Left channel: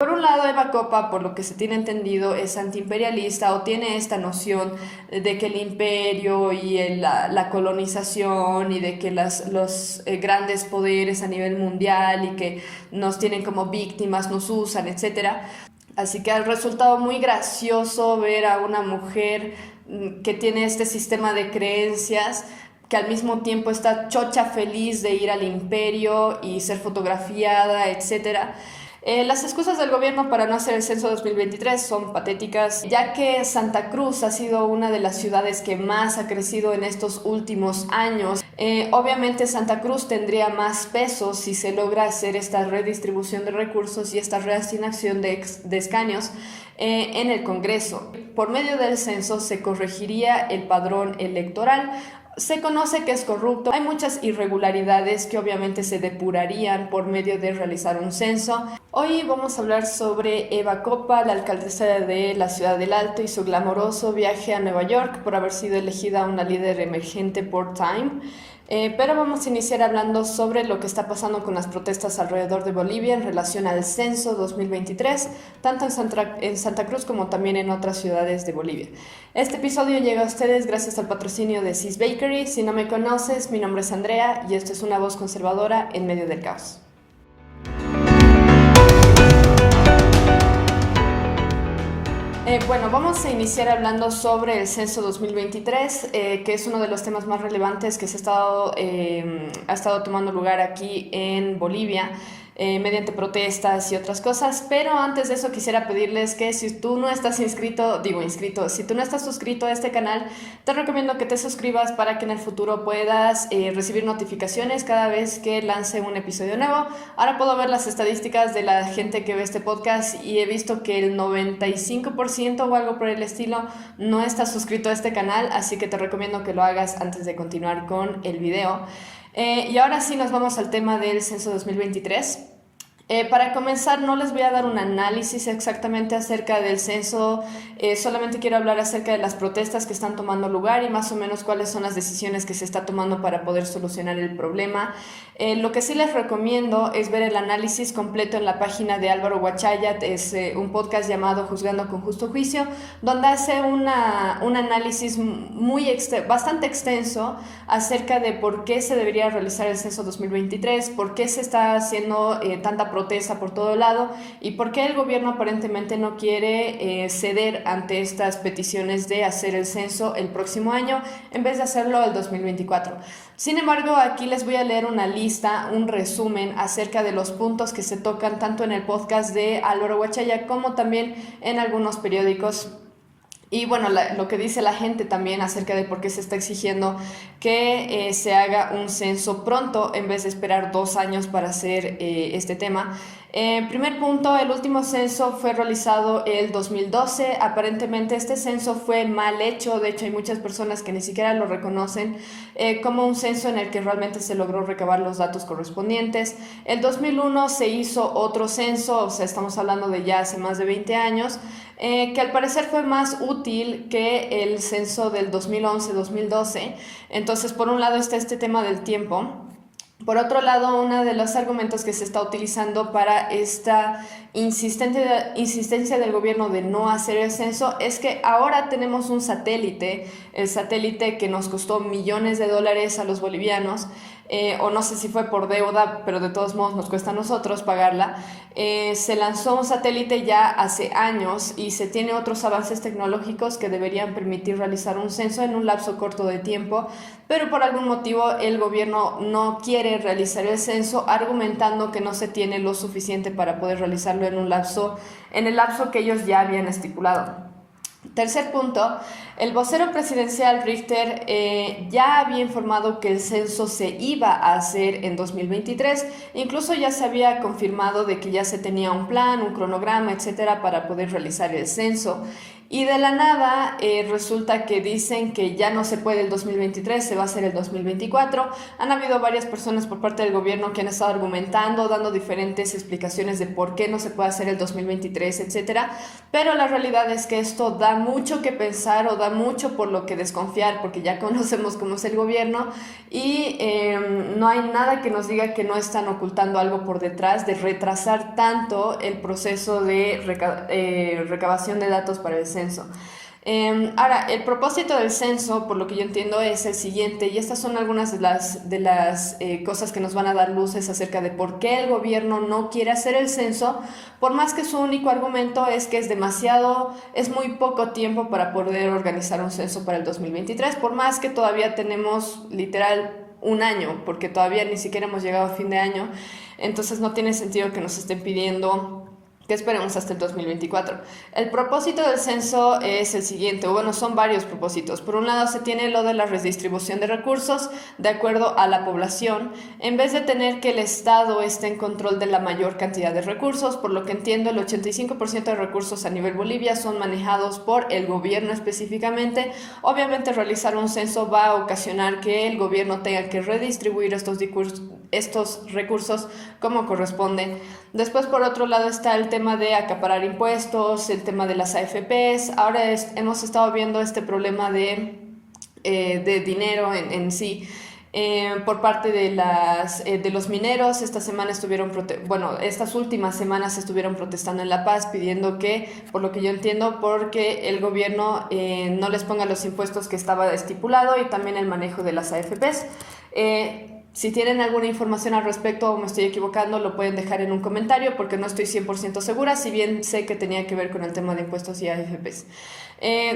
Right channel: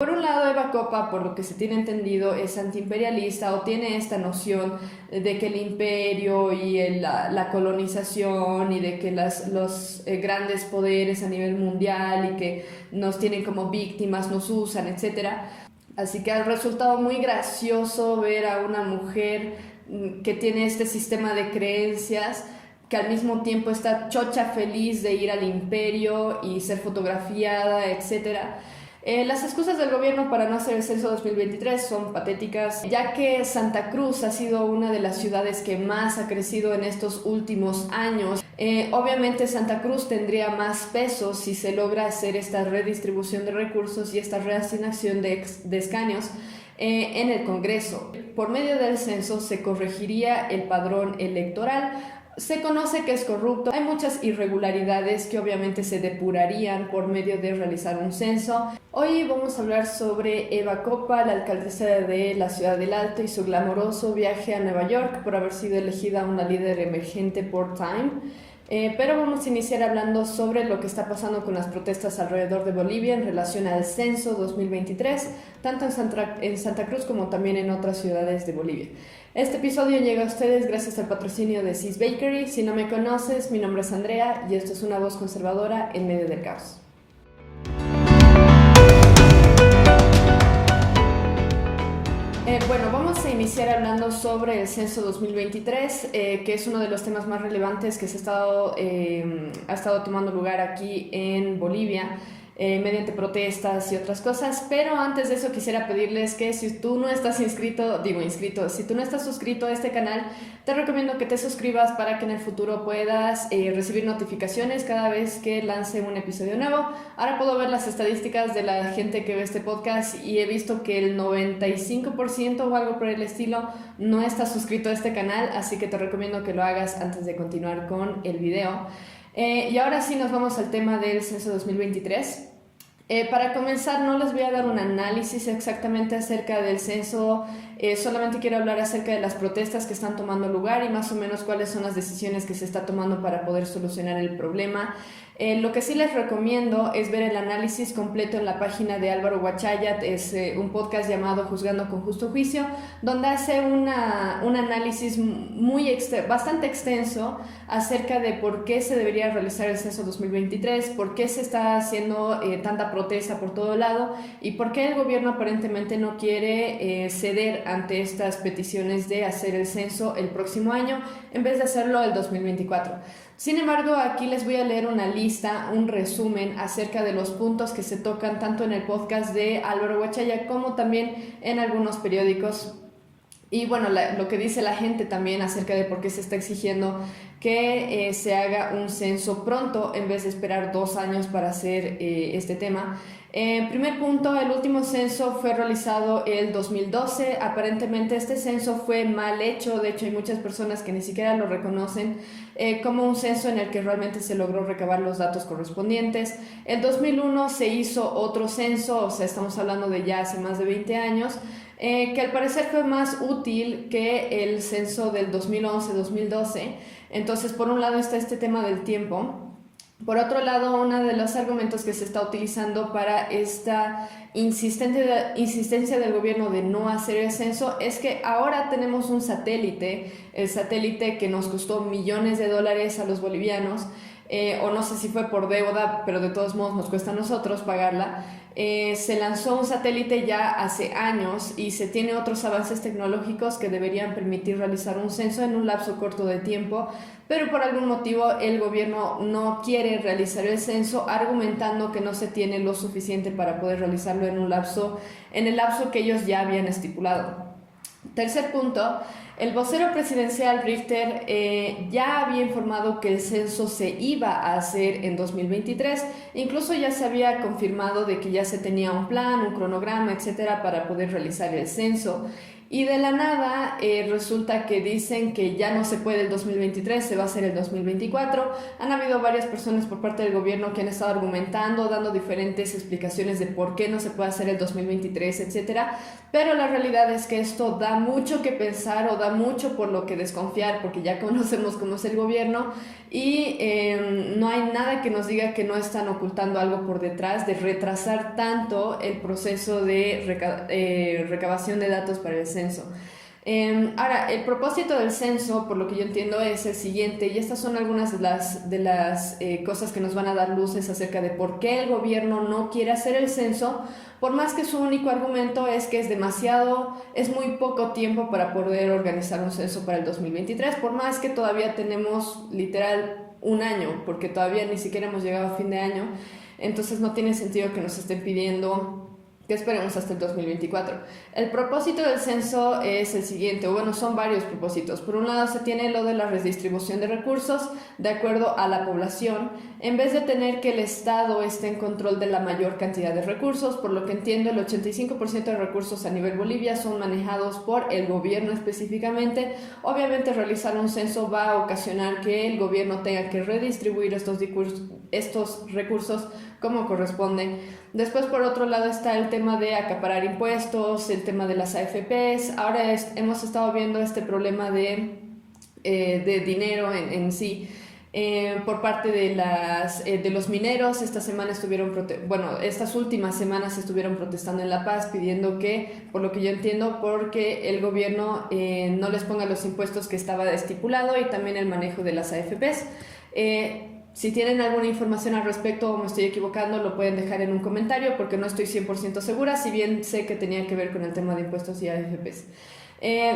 Por un lado, Eva Copa, por lo que se tiene entendido, es antiimperialista o tiene esta noción de que el imperio y la colonización y de que los grandes poderes a nivel mundial y que nos tienen como víctimas, nos usan, etcétera. Así que ha resultado muy gracioso ver a una mujer que tiene este sistema de creencias que al mismo tiempo está chocha feliz de ir al imperio y ser fotografiada, etcétera. Las excusas del gobierno para no hacer el censo 2023 son patéticas, ya que Santa Cruz ha sido una de las ciudades que más ha crecido en estos últimos años. Obviamente Santa Cruz tendría más peso si se logra hacer esta redistribución de recursos y esta reasignación de escaños en el Congreso. Por medio del censo se corregiría el padrón electoral. Se conoce que es corrupto, hay muchas irregularidades que obviamente se depurarían por medio de realizar un censo. Hoy vamos a hablar sobre Eva Copa, la alcaldesa de la Ciudad del Alto, y su glamoroso viaje a Nueva York por haber sido elegida una líder emergente por Time. Pero vamos a iniciar hablando sobre lo que está pasando con las protestas alrededor de Bolivia en relación al censo 2023, tanto en Santa Cruz como también en otras ciudades de Bolivia. Este episodio llega a ustedes gracias al patrocinio de Sis Bakery. Si no me conoces, mi nombre es Andrea y esto es una voz conservadora en medio del caos. Bueno, vamos a iniciar hablando sobre el censo 2023, que es uno de los temas más relevantes que ha estado tomando lugar aquí en Bolivia. Mediante protestas y otras cosas, pero antes de eso quisiera pedirles que si tú no estás si tú no estás suscrito a este canal, te recomiendo que te suscribas para que en el futuro puedas recibir notificaciones cada vez que lance un episodio nuevo. Ahora puedo ver las estadísticas de la gente que ve este podcast y he visto que el 95% o algo por el estilo no está suscrito a este canal, así que te recomiendo que lo hagas antes de continuar con el video. Y ahora sí nos vamos al tema del censo 2023. Para comenzar, no les voy a dar un análisis exactamente acerca del censo, solamente quiero hablar acerca de las protestas que están tomando lugar y más o menos cuáles son las decisiones que se está tomando para poder solucionar el problema. Lo que sí les recomiendo es ver el análisis completo en la página de Álvaro Huachayat, es un podcast llamado Juzgando con Justo Juicio, donde hace un análisis bastante extenso acerca de por qué se debería realizar el censo 2023, por qué se está haciendo tanta protesta por todo lado y por qué el gobierno aparentemente no quiere ceder ante estas peticiones de hacer el censo el próximo año en vez de hacerlo el 2024. Sin embargo, aquí les voy a leer una lista, un resumen acerca de los puntos que se tocan tanto en el podcast de Álvaro Huachaya como también en algunos periódicos. Y bueno, lo que dice la gente también acerca de por qué se está exigiendo que se haga un censo pronto en vez de esperar 2 años para hacer este tema. Primer punto, el último censo fue realizado el 2012. Aparentemente este censo fue mal hecho, de hecho hay muchas personas que ni siquiera lo reconocen como un censo en el que realmente se logró recabar los datos correspondientes. El 2001 se hizo otro censo, o sea, estamos hablando de ya hace más de 20 años, que al parecer fue más útil que el censo del 2011-2012. Entonces, por un lado está este tema del tiempo. Por otro lado, uno de los argumentos que se está utilizando para esta insistencia del gobierno de no hacer el censo es que ahora tenemos un satélite, el satélite que nos costó millones de dólares a los bolivianos, o no sé si fue por deuda, pero de todos modos nos cuesta a nosotros pagarla. Se lanzó un satélite ya hace años y se tiene otros avances tecnológicos que deberían permitir realizar un censo en un lapso corto de tiempo, pero por algún motivo el gobierno no quiere realizar el censo, argumentando que no se tiene lo suficiente para poder realizarlo en el lapso que ellos ya habían estipulado. Tercer punto, el vocero presidencial Richter ya había informado que el censo se iba a hacer en 2023, incluso ya se había confirmado de que ya se tenía un plan, un cronograma, etcétera, para poder realizar el censo. Y de la nada resulta que dicen que ya no se puede el 2023, se va a hacer el 2024. Han habido varias personas por parte del gobierno que han estado argumentando, dando diferentes explicaciones de por qué no se puede hacer el 2023, etcétera. Pero la realidad es que esto da mucho que pensar o da da mucho por lo que desconfiar, porque ya conocemos cómo es el gobierno y no hay nada que nos diga que no están ocultando algo por detrás de retrasar tanto el proceso de recabación de datos para el censo. Ahora, el propósito del censo, por lo que yo entiendo, es el siguiente, y estas son algunas de las cosas que nos van a dar luces acerca de por qué el gobierno no quiere hacer el censo, por más que su único argumento es que es muy poco tiempo para poder organizar un censo para el 2023, por más que todavía tenemos literal un año, porque todavía ni siquiera hemos llegado a fin de año, entonces no tiene sentido que nos estén pidiendo que esperemos hasta el 2024. El propósito del censo es el siguiente, o bueno, son varios propósitos. Por un lado se tiene lo de la redistribución de recursos de acuerdo a la población, en vez de tener que el Estado esté en control de la mayor cantidad de recursos. Por lo que entiendo, el 85% de recursos a nivel Bolivia son manejados por el gobierno específicamente. Obviamente realizar un censo va a ocasionar que el gobierno tenga que redistribuir estos recursos como corresponde. Después, por otro lado, está el tema de acaparar impuestos, el tema de las AFPs. Ahora hemos estado viendo este problema de dinero en sí. Por parte de los mineros. Estas últimas semanas estuvieron protestando en La Paz pidiendo que, por lo que yo entiendo, porque el gobierno no les ponga los impuestos que estaba estipulado y también el manejo de las AFPs. Si tienen alguna información al respecto o me estoy equivocando, lo pueden dejar en un comentario porque no estoy 100% segura, si bien sé que tenía que ver con el tema de impuestos y AFPs.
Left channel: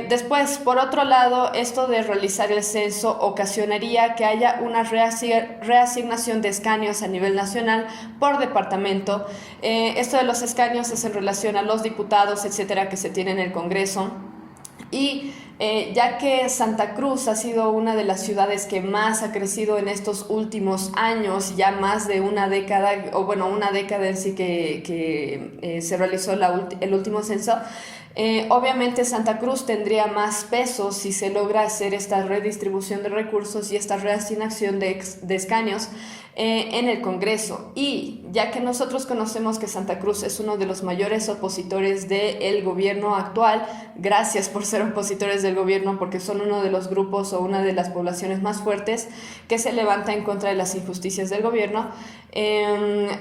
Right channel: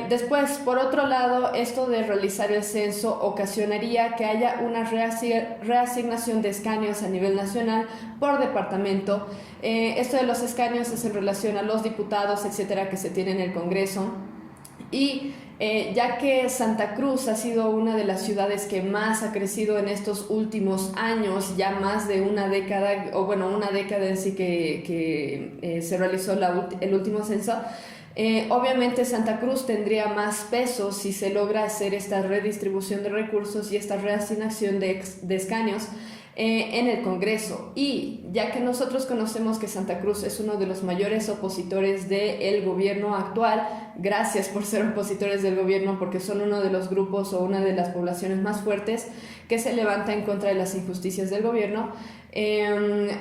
Después, por otro lado, esto de realizar el censo ocasionaría que haya una reasignación de escaños a nivel nacional por departamento. Esto de los escaños es en relación a los diputados, etcétera, que se tienen en el Congreso. Y ya que Santa Cruz ha sido una de las ciudades que más ha crecido en estos últimos años, ya más de una década, o bueno, una década en sí que se realizó el último censo, obviamente Santa Cruz tendría más peso si se logra hacer esta redistribución de recursos y esta reasignación de escaños en el Congreso. Y ya que nosotros conocemos que Santa Cruz es uno de los mayores opositores del gobierno actual, gracias por ser opositores del gobierno, porque son uno de los grupos o una de las poblaciones más fuertes que se levanta en contra de las injusticias del gobierno.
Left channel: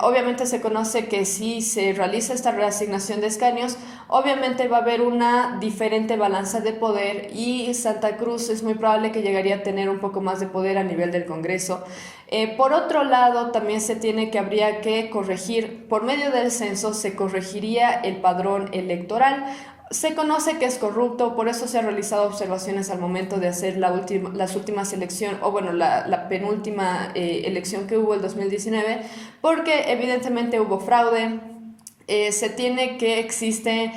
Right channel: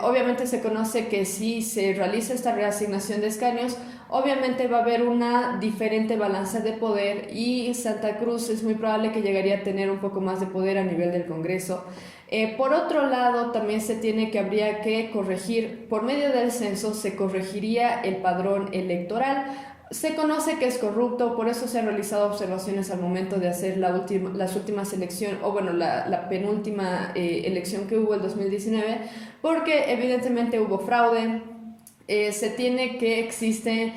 Obviamente se conoce que si se realiza esta reasignación de escaños, obviamente va a haber una diferente balanza de poder y Santa Cruz es muy probable que llegaría a tener un poco más de poder a nivel del Congreso. Por otro lado, también habría que corregir, por medio del censo se corregiría el padrón electoral. Se conoce que es corrupto, por eso se han realizado observaciones al momento de hacer las últimas elecciones, o bueno, la penúltima elección que hubo el 2019, porque evidentemente hubo fraude. Se tiene que existe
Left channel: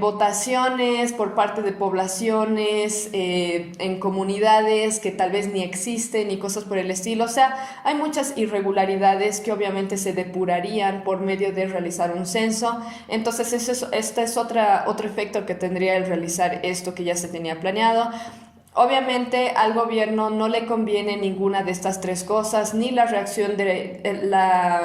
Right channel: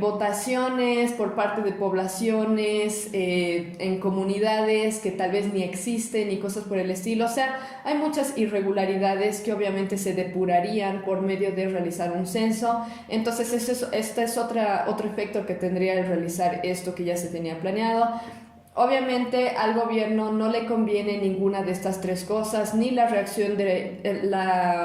votaciones por parte de poblaciones en comunidades que tal vez ni existen y cosas por el estilo. O sea, hay muchas irregularidades que obviamente se depurarían por medio de realizar un censo. Entonces este es otro efecto que tendría el realizar esto que ya se tenía planeado. Obviamente al gobierno no le conviene ninguna de estas tres cosas, ni la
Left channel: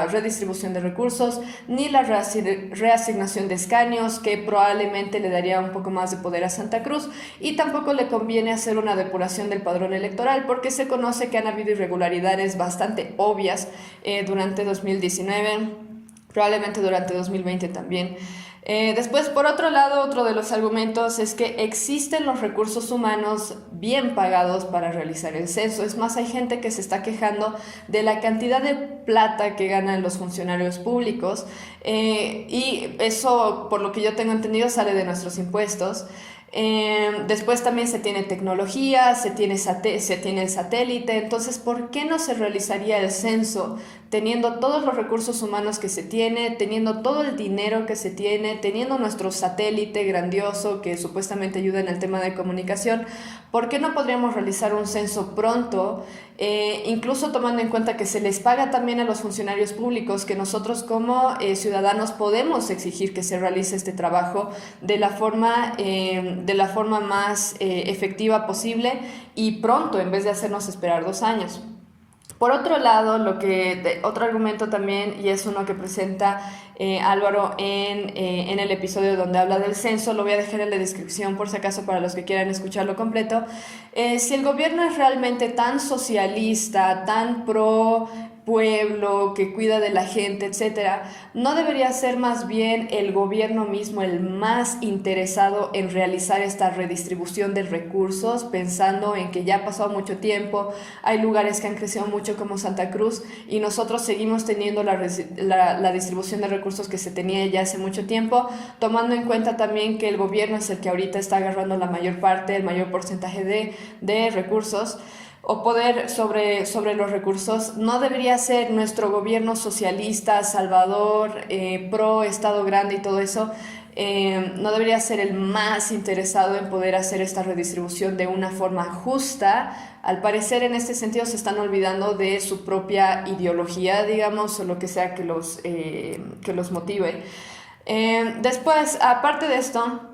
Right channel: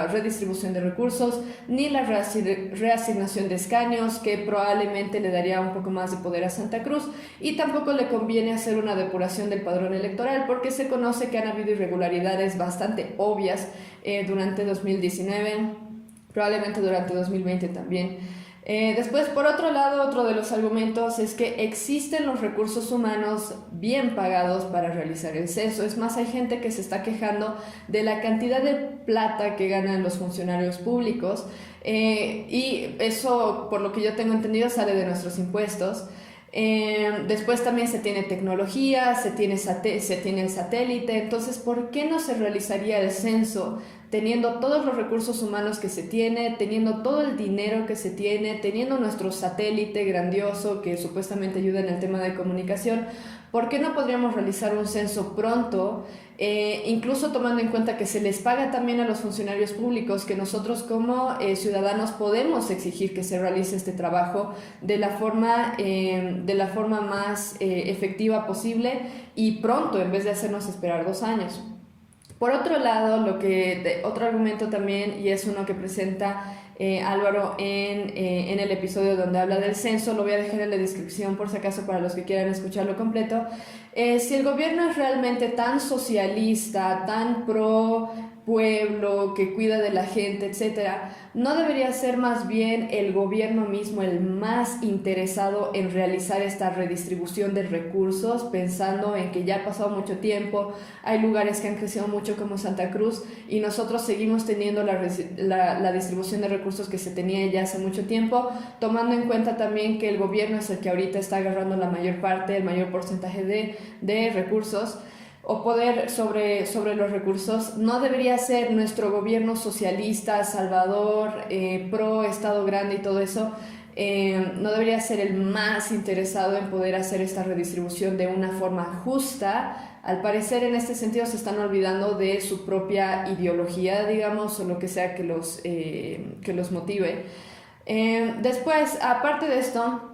redistribución de recursos, ni la reasignación de escaños, que probablemente le daría un poco más de poder a Santa Cruz, y tampoco le conviene hacer una depuración del padrón electoral, porque se conoce que han habido irregularidades bastante obvias durante 2019, probablemente durante 2020 también. Después, por otro lado, otro de los argumentos es que existen los recursos humanos bien pagados para realizar el censo. Es más, hay gente que se está quejando de la cantidad de plata que ganan los funcionarios públicos y eso, por lo que yo tengo entendido, sale de nuestros impuestos. Después también se tiene tecnología, se tiene el satélite. Entonces, ¿por qué no se realizaría el censo teniendo todos los recursos humanos que se tiene, teniendo todo el dinero que se tiene, teniendo nuestro satélite grandioso que supuestamente ayuda en el tema de comunicación? ¿Por qué no podríamos realizar un censo pronto? Incluso tomando en cuenta que se les paga también a los funcionarios públicos, que nosotros como ciudadanos podemos exigir que se realice este trabajo de la forma más efectiva posible y pronto, en vez de hacernos esperar 2 años. Por otro lado, otro argumento también, y es uno que presenta Álvaro en el episodio donde habla del censo. Lo voy a dejar en la descripción por si acaso para los que quieran escucharlo completo. Si el gobierno es realmente tan socialista, tan pro pueblo, que cuida de la gente, etcétera, ¿no debería ser más bien el gobierno mismo el más interesado en realizar esta redistribución de recursos, pensando en que ya ha pasado mucho tiempo, hay lugares que han crecido mucho como Santa Cruz y nosotros seguimos teniendo la distribución de recursos que se tenía ya hace mucho tiempo, tomando en cuenta también que el gobierno es el que ahorita está agarrando la mayor parte, el mayor porcentaje de recursos o poder sobre los recursos? ¿No debería ser nuestro gobierno socialista, salvador, pro Estado grande y todo eso? No debería ser el más interesado en poder hacer esta redistribución de una forma justa. Al parecer, en este sentido, se están olvidando de su propia ideología, digamos, o lo que sea que los motive. Después, aparte de esto,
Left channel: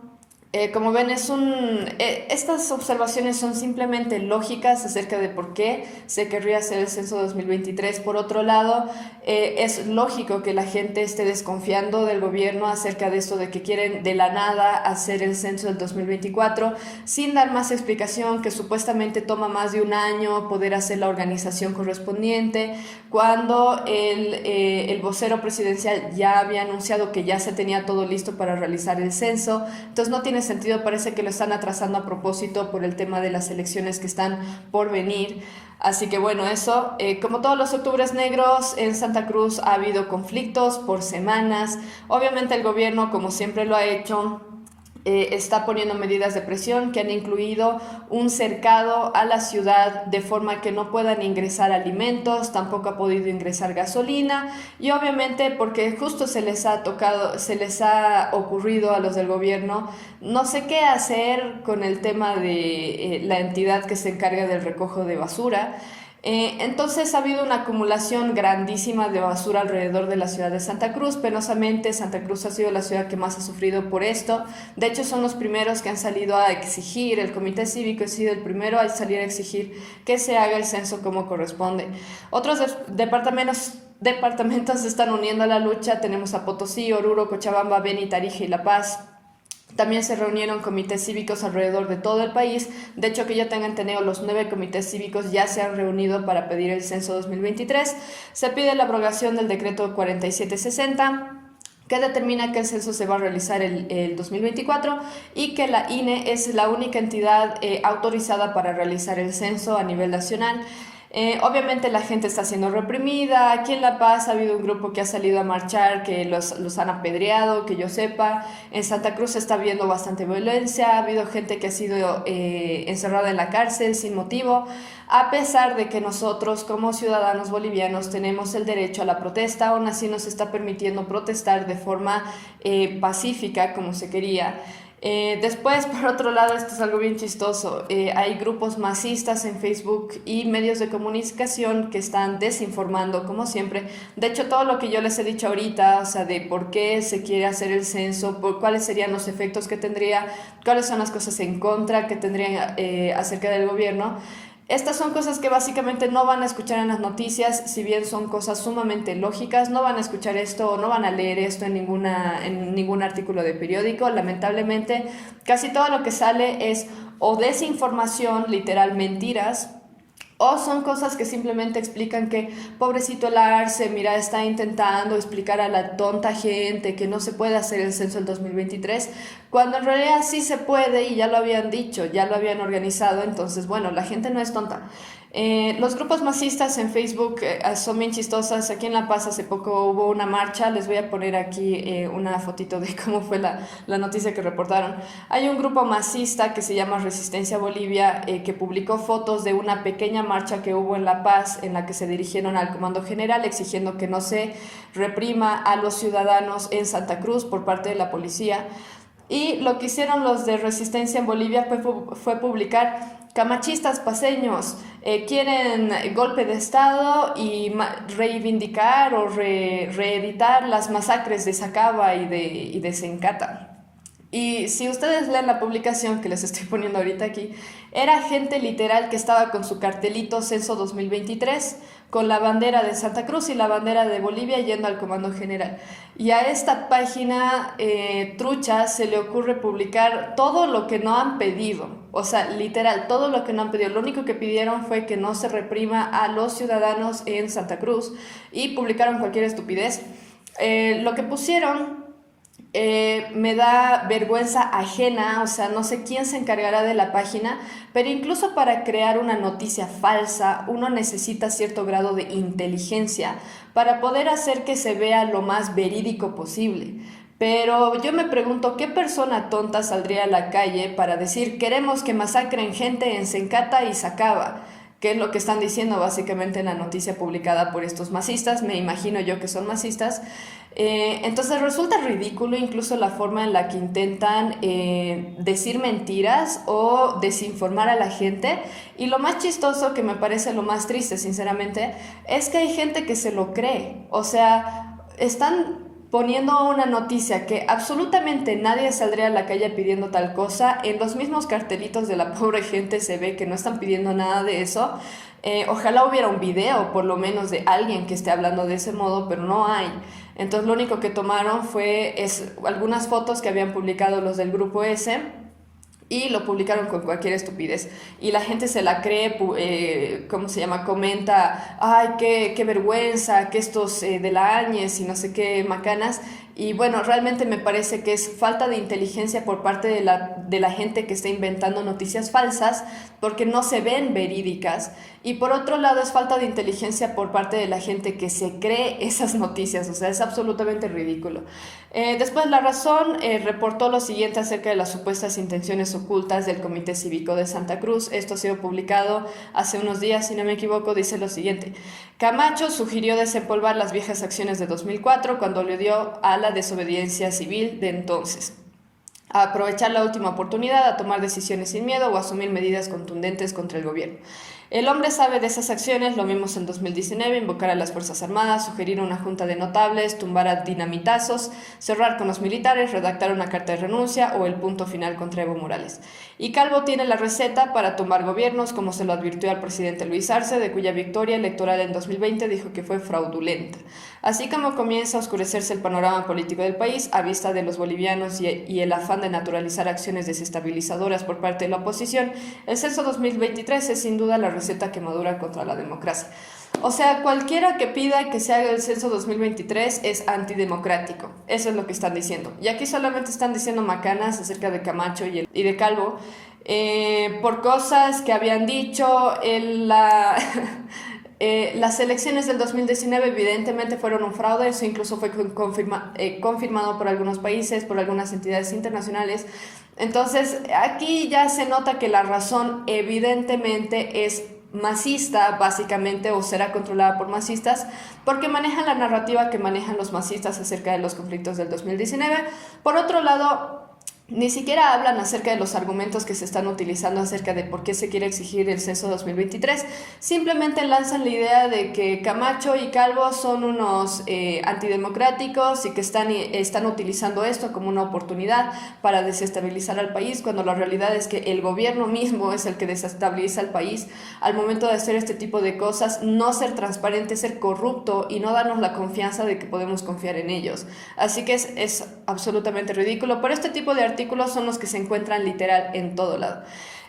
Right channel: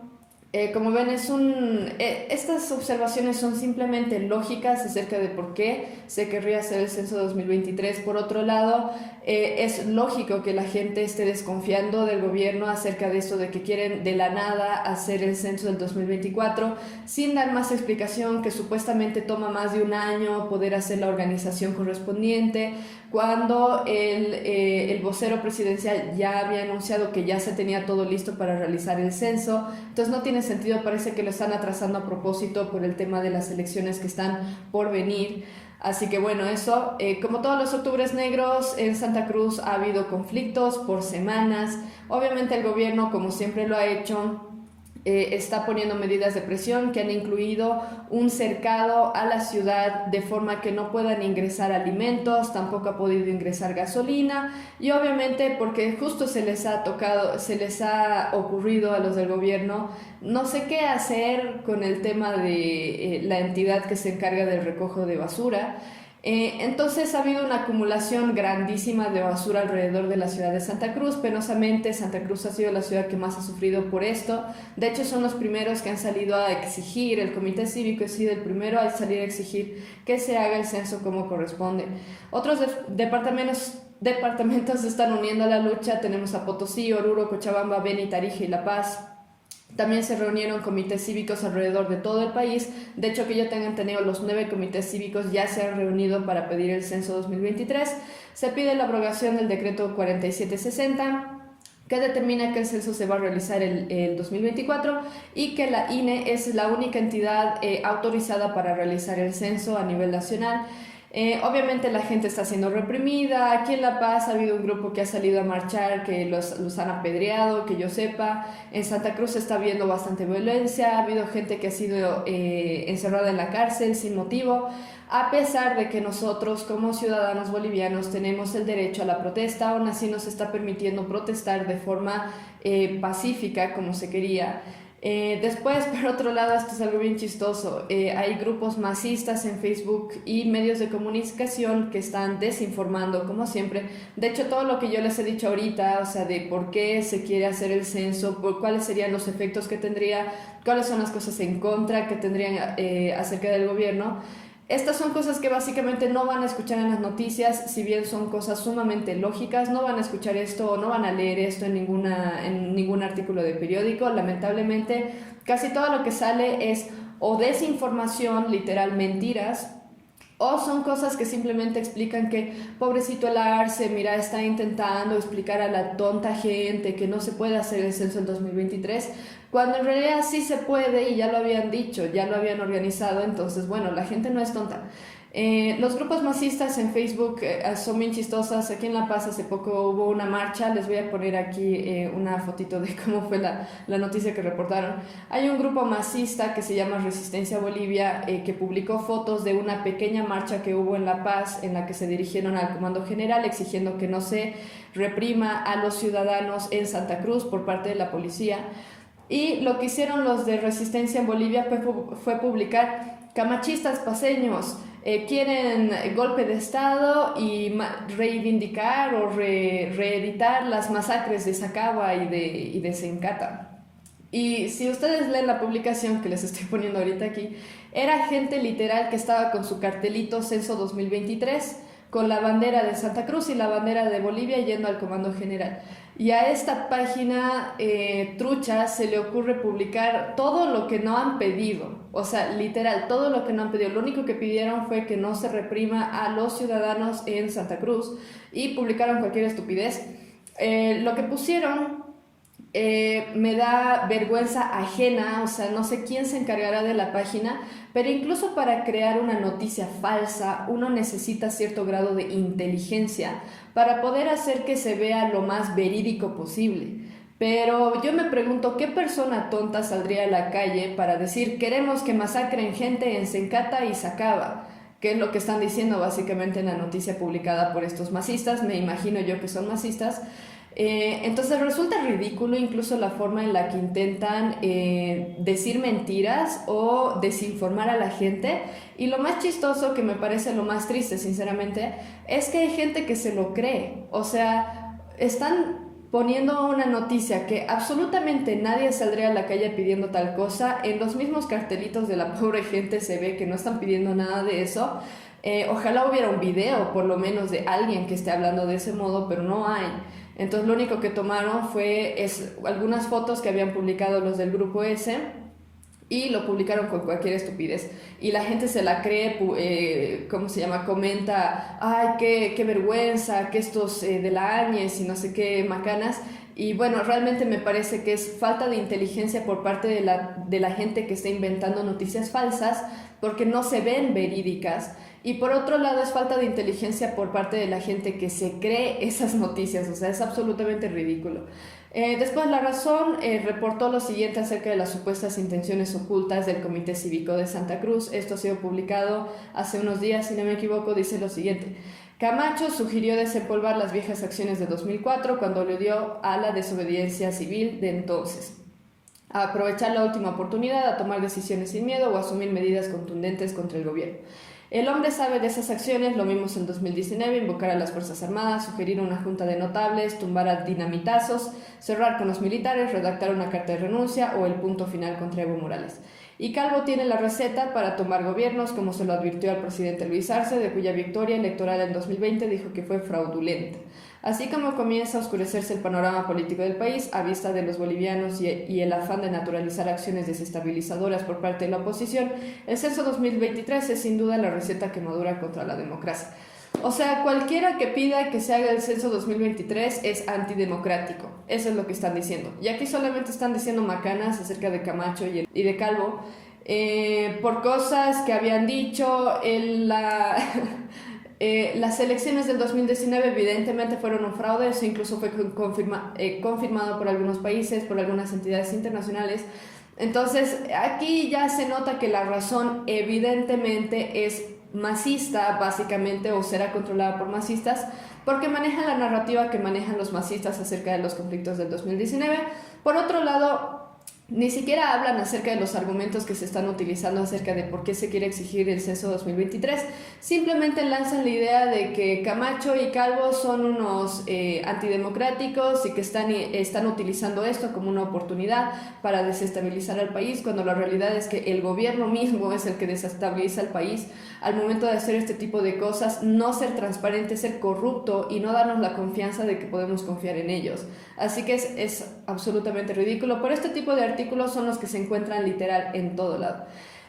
como ven, estas observaciones son simplemente lógicas acerca de por qué se querría hacer el censo 2023. Por otro lado, es lógico que la gente esté desconfiando del gobierno acerca de esto de que quieren de la nada hacer el censo del 2024 sin dar más explicación, que supuestamente toma más de un año poder hacer la organización correspondiente, cuando el vocero presidencial ya había anunciado que ya se tenía todo listo para realizar el censo. Entonces no tiene sentido, parece que lo están atrasando a propósito por el tema de las elecciones que están por venir. Así que bueno, eso, como todos los octubres negros, en Santa Cruz ha habido conflictos por semanas. Obviamente el gobierno, como siempre lo ha hecho, está poniendo medidas de presión que han incluido un cercado a la ciudad de forma que no puedan ingresar alimentos, tampoco ha podido ingresar gasolina y obviamente porque justo se les ha ocurrido a los del gobierno no sé qué hacer con el tema de la entidad que se encarga del recojo de basura. Entonces ha habido una acumulación grandísima de basura alrededor de la ciudad de Santa Cruz. Penosamente, Santa Cruz ha sido la ciudad que más ha sufrido por esto. De hecho, son los primeros que han salido a exigir, el comité cívico ha sido el primero a salir a exigir que se haga el censo como corresponde. Otros departamentos se están uniendo a la lucha. Tenemos a Potosí, Oruro, Cochabamba, Beni, Tarija y La Paz. También se reunieron comités cívicos alrededor de todo el país. De hecho, que yo tenga entendido, los 9 comités cívicos ya se han reunido para pedir el censo 2023. Se pide la abrogación del decreto 4760, que determina que el censo se va a realizar el 2024 y que la INE es la única entidad autorizada para realizar el censo a nivel nacional. Obviamente la gente está siendo reprimida. Aquí en La Paz ha habido un grupo que ha salido a marchar, que los han apedreado, que yo sepa. En Santa Cruz se está viendo bastante violencia, ha habido gente que ha sido encerrada en la cárcel sin motivo, a pesar de que nosotros como ciudadanos bolivianos tenemos el derecho a la protesta. Aún así nos está permitiendo protestar de forma pacífica como se quería. Después, por otro lado, esto es algo bien chistoso, hay grupos masistas en Facebook y medios de comunicación que están desinformando, como siempre. De hecho, todo lo que yo les he dicho ahorita, o sea, de por qué se quiere hacer el censo, por cuáles serían los efectos que tendría, cuáles son las cosas en contra que tendrían acerca del gobierno. Estas son cosas que básicamente no van a escuchar en las noticias, si bien son cosas sumamente lógicas, no van a escuchar esto o no van a leer esto en ningún artículo de periódico. Lamentablemente, casi todo lo que sale es o desinformación, literal mentiras, o son cosas que simplemente explican que pobrecito el Arce, mira, está intentando explicar a la tonta gente que no se puede hacer el censo en 2023, cuando en realidad sí se puede y ya lo habían dicho, ya lo habían organizado. Entonces, bueno, la gente no es tonta. Los grupos masistas en Facebook son bien chistosas. Aquí en La Paz hace poco hubo una marcha. Les voy a poner aquí una fotito de cómo fue la noticia que reportaron. Hay un grupo masista que se llama Resistencia Bolivia, que publicó fotos de una pequeña marcha que hubo en La Paz, en la que se dirigieron al Comando General exigiendo que no se reprima a los ciudadanos en Santa Cruz por parte de la policía. Y lo que hicieron los de Resistencia en Bolivia fue publicar: camachistas paseños quieren golpe de Estado y reivindicar o reeditar las masacres de Sacaba y de Sencata. Y si ustedes leen la publicación que les estoy poniendo ahorita aquí, era gente literal que estaba con su cartelito Censo 2023, con la bandera de Santa Cruz y la bandera de Bolivia yendo al Comando General. Y a esta página trucha se le ocurre publicar todo lo que no han pedido, o sea, literal, todo lo que no han pedido. Lo único que pidieron fue que no se reprima a los ciudadanos en Santa Cruz y publicaron cualquier estupidez. Lo que pusieron me da vergüenza ajena, o sea, no sé quién se encargará de la página, pero incluso para crear una noticia falsa uno necesita cierto grado de inteligencia para poder hacer que se vea lo más verídico posible. Pero yo me pregunto, ¿qué persona tonta saldría a la calle para decir queremos que masacren gente en Sencata y Sacaba? ¿Qué es lo que están diciendo básicamente en la noticia publicada por estos masistas? Me imagino yo que son masistas. Entonces resulta ridículo incluso la forma en la que intentan decir mentiras o desinformar a la gente. Y lo más chistoso, que me parece lo más triste sinceramente, es que hay gente que se lo cree. O sea, están poniendo una noticia que absolutamente nadie saldría a la calle pidiendo tal cosa. En los mismos cartelitos de la pobre gente se ve que no están pidiendo nada de eso. Ojalá hubiera un video por lo menos de alguien que esté hablando de ese modo, pero no hay. Entonces lo único que tomaron fue algunas fotos que habían publicado los del grupo S y lo publicaron con cualquier estupidez. Y la gente se la cree, ¿cómo se llama? Comenta, ay, qué vergüenza, que estos de la Áñez y no sé qué macanas. Y bueno, realmente me parece que es falta de inteligencia por parte de la gente que está inventando noticias falsas porque no se ven verídicas. Y por otro lado es falta de inteligencia por parte de la gente que se cree esas noticias, o sea, es absolutamente ridículo. Después La Razón reportó lo siguiente acerca de las supuestas intenciones ocultas del Comité Cívico de Santa Cruz. Esto ha sido publicado hace unos días, si no me equivoco. Dice lo siguiente: Camacho sugirió desempolvar las viejas acciones de 2004 cuando le dio a la desobediencia civil de entonces, a aprovechar la última oportunidad, a tomar decisiones sin miedo o a asumir medidas contundentes contra el gobierno. El hombre sabe de esas acciones, lo vimos en 2019, invocar a las Fuerzas Armadas, sugerir una junta de notables, tumbar a dinamitazos, cerrar con los militares, redactar una carta de renuncia o el punto final contra Evo Morales. Y Calvo tiene la receta para tomar gobiernos, como se lo advirtió al presidente Luis Arce, de cuya victoria electoral en 2020 dijo que fue fraudulenta. Así como comienza a oscurecerse el panorama político del país a vista de los bolivianos y el afán de naturalizar acciones desestabilizadoras por parte de la oposición, el censo 2023 es sin duda la receta que madura contra la democracia. O sea, cualquiera que pida que se haga el censo 2023 es antidemocrático. Eso es lo que están diciendo. Y aquí solamente están diciendo macanas acerca de Camacho y de Calvo por cosas que habían dicho en la... Las elecciones del 2019 evidentemente fueron un fraude, eso incluso fue confirmado por algunos países, por algunas entidades internacionales. Entonces aquí ya se nota que La Razón evidentemente es masista, básicamente, o será controlada por masistas, porque manejan la narrativa que manejan los masistas acerca de los conflictos del 2019. Por otro lado, ni siquiera hablan acerca de los argumentos que se están utilizando acerca de por qué se quiere exigir el censo 2023. Simplemente lanzan la idea de que Camacho y Calvo son unos antidemocráticos y que están utilizando esto como una oportunidad para desestabilizar al país, cuando la realidad es que el gobierno mismo es el que desestabiliza al país al momento de hacer este tipo de cosas, no ser transparente, ser corrupto y no darnos la confianza de que podemos confiar en ellos. Así que es absolutamente ridículo. Por este tipo de artículos son los que se encuentran literal en todo lado.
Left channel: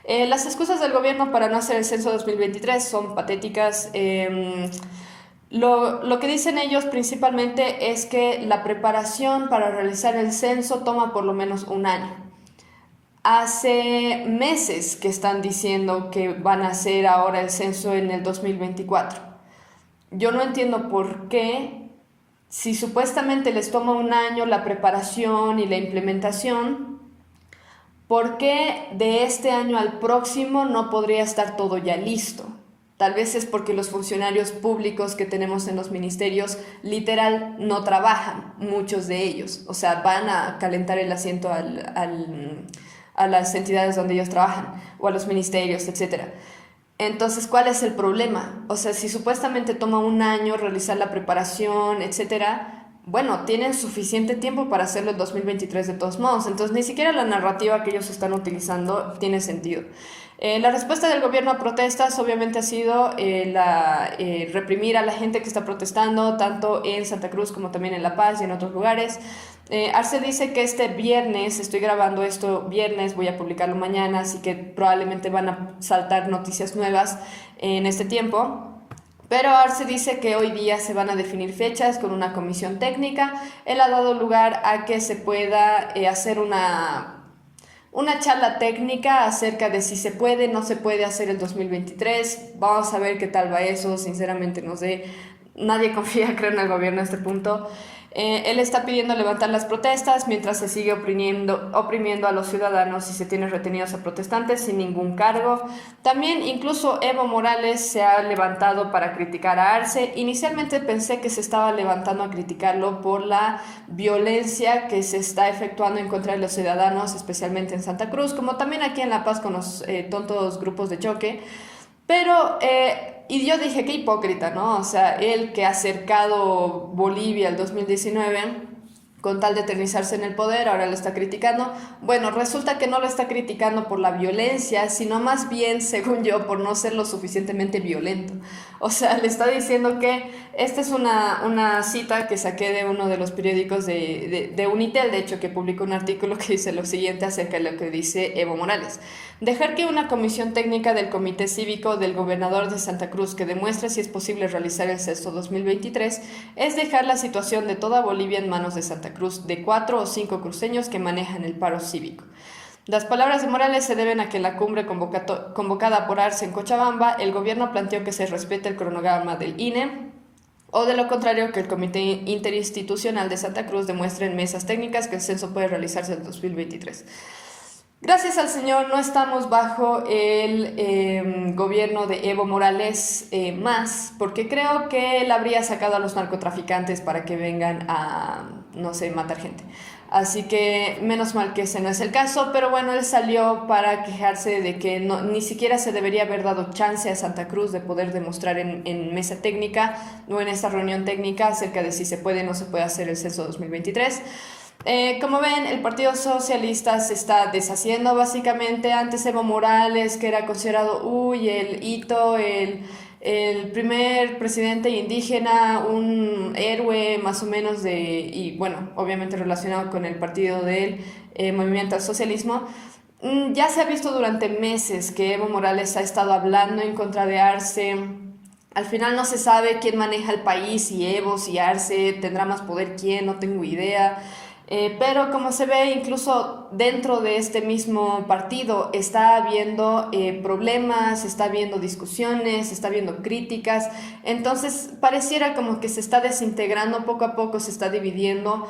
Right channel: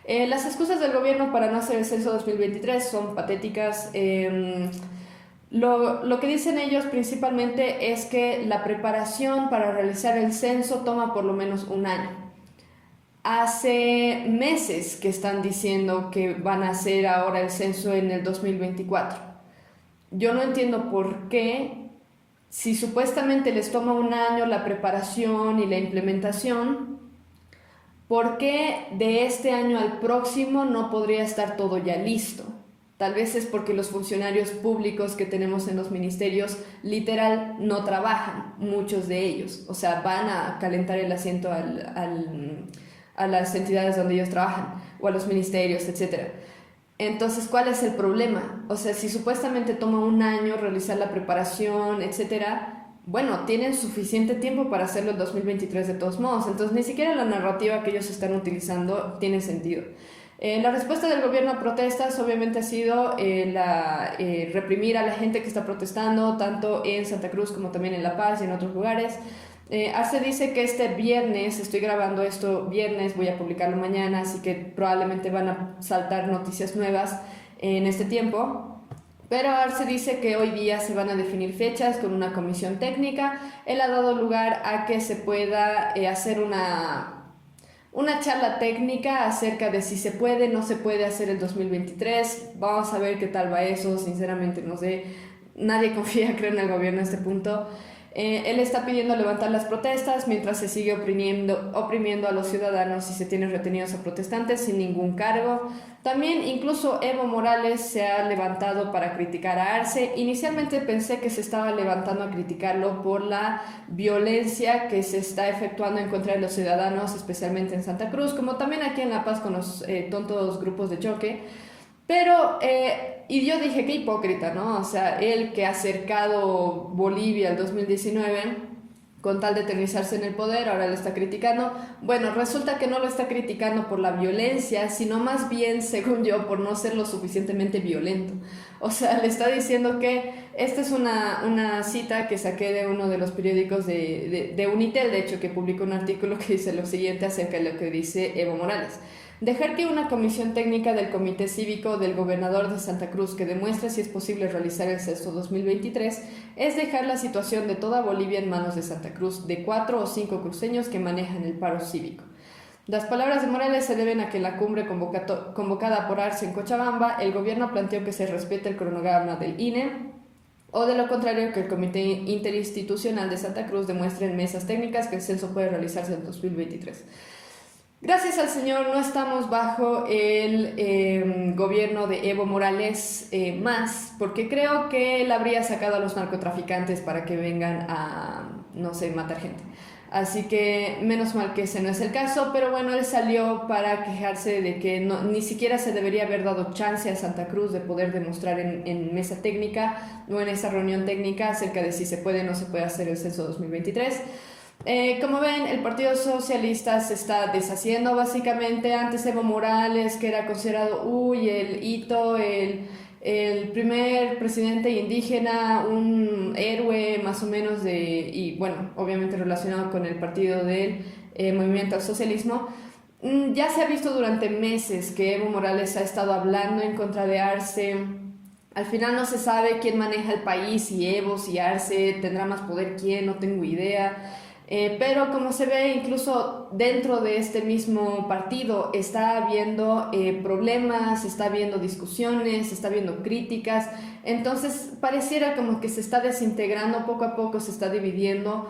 Las excusas del gobierno para no hacer el censo 2023 son patéticas. Lo que dicen ellos principalmente es que la preparación para realizar el censo toma por lo menos un año. Hace meses que están diciendo que van a hacer ahora el censo en el 2024. Yo no entiendo por qué, si supuestamente les toma un año la preparación y la implementación, ¿por qué de este año al próximo no podría estar todo ya listo? Tal vez es porque los funcionarios públicos que tenemos en los ministerios literal no trabajan, muchos de ellos. O sea, van a calentar el asiento a las entidades donde ellos trabajan, o a los ministerios, etc. Entonces, ¿cuál es el problema? O sea, si supuestamente toma un año realizar la preparación, etcétera, bueno, tienen suficiente tiempo para hacerlo en 2023 de todos modos. Entonces, ni siquiera la narrativa que ellos están utilizando tiene sentido. La respuesta del gobierno a protestas obviamente ha sido reprimir a la gente que está protestando, tanto en Santa Cruz como también en La Paz y en otros lugares. Arce dice que este viernes, estoy grabando esto viernes, voy a publicarlo mañana, así que probablemente van a saltar noticias nuevas en este tiempo. Pero Arce dice que hoy día se van a definir fechas con una comisión técnica. Él ha dado lugar a que se pueda hacer una charla técnica acerca de si se puede o no se puede hacer el 2023. Vamos a ver qué tal va eso. Sinceramente no sé, nadie confía, creo, en el gobierno a este punto. Él está pidiendo levantar las protestas mientras se sigue oprimiendo a los ciudadanos y se tienen retenidos a protestantes sin ningún cargo. También incluso Evo Morales se ha levantado para criticar a Arce. Inicialmente pensé que se estaba levantando a criticarlo por la violencia que se está efectuando en contra de los ciudadanos, especialmente en Santa Cruz, como también aquí en La Paz con los tontos grupos de choque. Pero, y yo dije, qué hipócrita, ¿no? O sea, él que ha acercado Bolivia al 2019 con tal de eternizarse en el poder, ahora lo está criticando. Bueno, resulta que no lo está criticando por la violencia, sino más bien, según yo, por no ser lo suficientemente violento. O sea, le está diciendo que esta es una cita que saqué de uno de los periódicos de Unitel, de hecho, que publicó un artículo que dice lo siguiente acerca de lo que dice Evo Morales. Dejar que una comisión técnica del Comité Cívico del Gobernador de Santa Cruz que demuestre si es posible realizar el censo 2023 es dejar la situación de toda Bolivia en manos de Santa Cruz, de 4 o 5 cruceños que manejan el paro cívico. Las palabras de Morales se deben a que en la cumbre convocada por Arce en Cochabamba, el gobierno planteó que se respete el cronograma del INE, o de lo contrario que el Comité Interinstitucional de Santa Cruz demuestre en mesas técnicas que el censo puede realizarse en 2023. Gracias al Señor no estamos bajo el gobierno de Evo Morales más, porque creo que él habría sacado a los narcotraficantes para que vengan a, no sé, matar gente. Así que menos mal que ese no es el caso, pero bueno, él salió para quejarse de que ni siquiera se debería haber dado chance a Santa Cruz de poder demostrar en mesa técnica o en esta reunión técnica acerca de si se puede o no se puede hacer el censo 2023. Como ven, el Partido Socialista se está deshaciendo básicamente. Antes Evo Morales, que era considerado el hito, el primer presidente indígena, un héroe más o menos y bueno, obviamente relacionado con el partido del movimiento al socialismo. Ya se ha visto durante meses que Evo Morales ha estado hablando en contra de Arce. Al final no se sabe quién maneja el país, si Evo, si Arce, tendrá más poder quién, no tengo idea. Pero como se ve, incluso dentro de este mismo partido está habiendo problemas, está habiendo discusiones, está habiendo críticas. Entonces pareciera como que se está desintegrando poco a poco, se está dividiendo.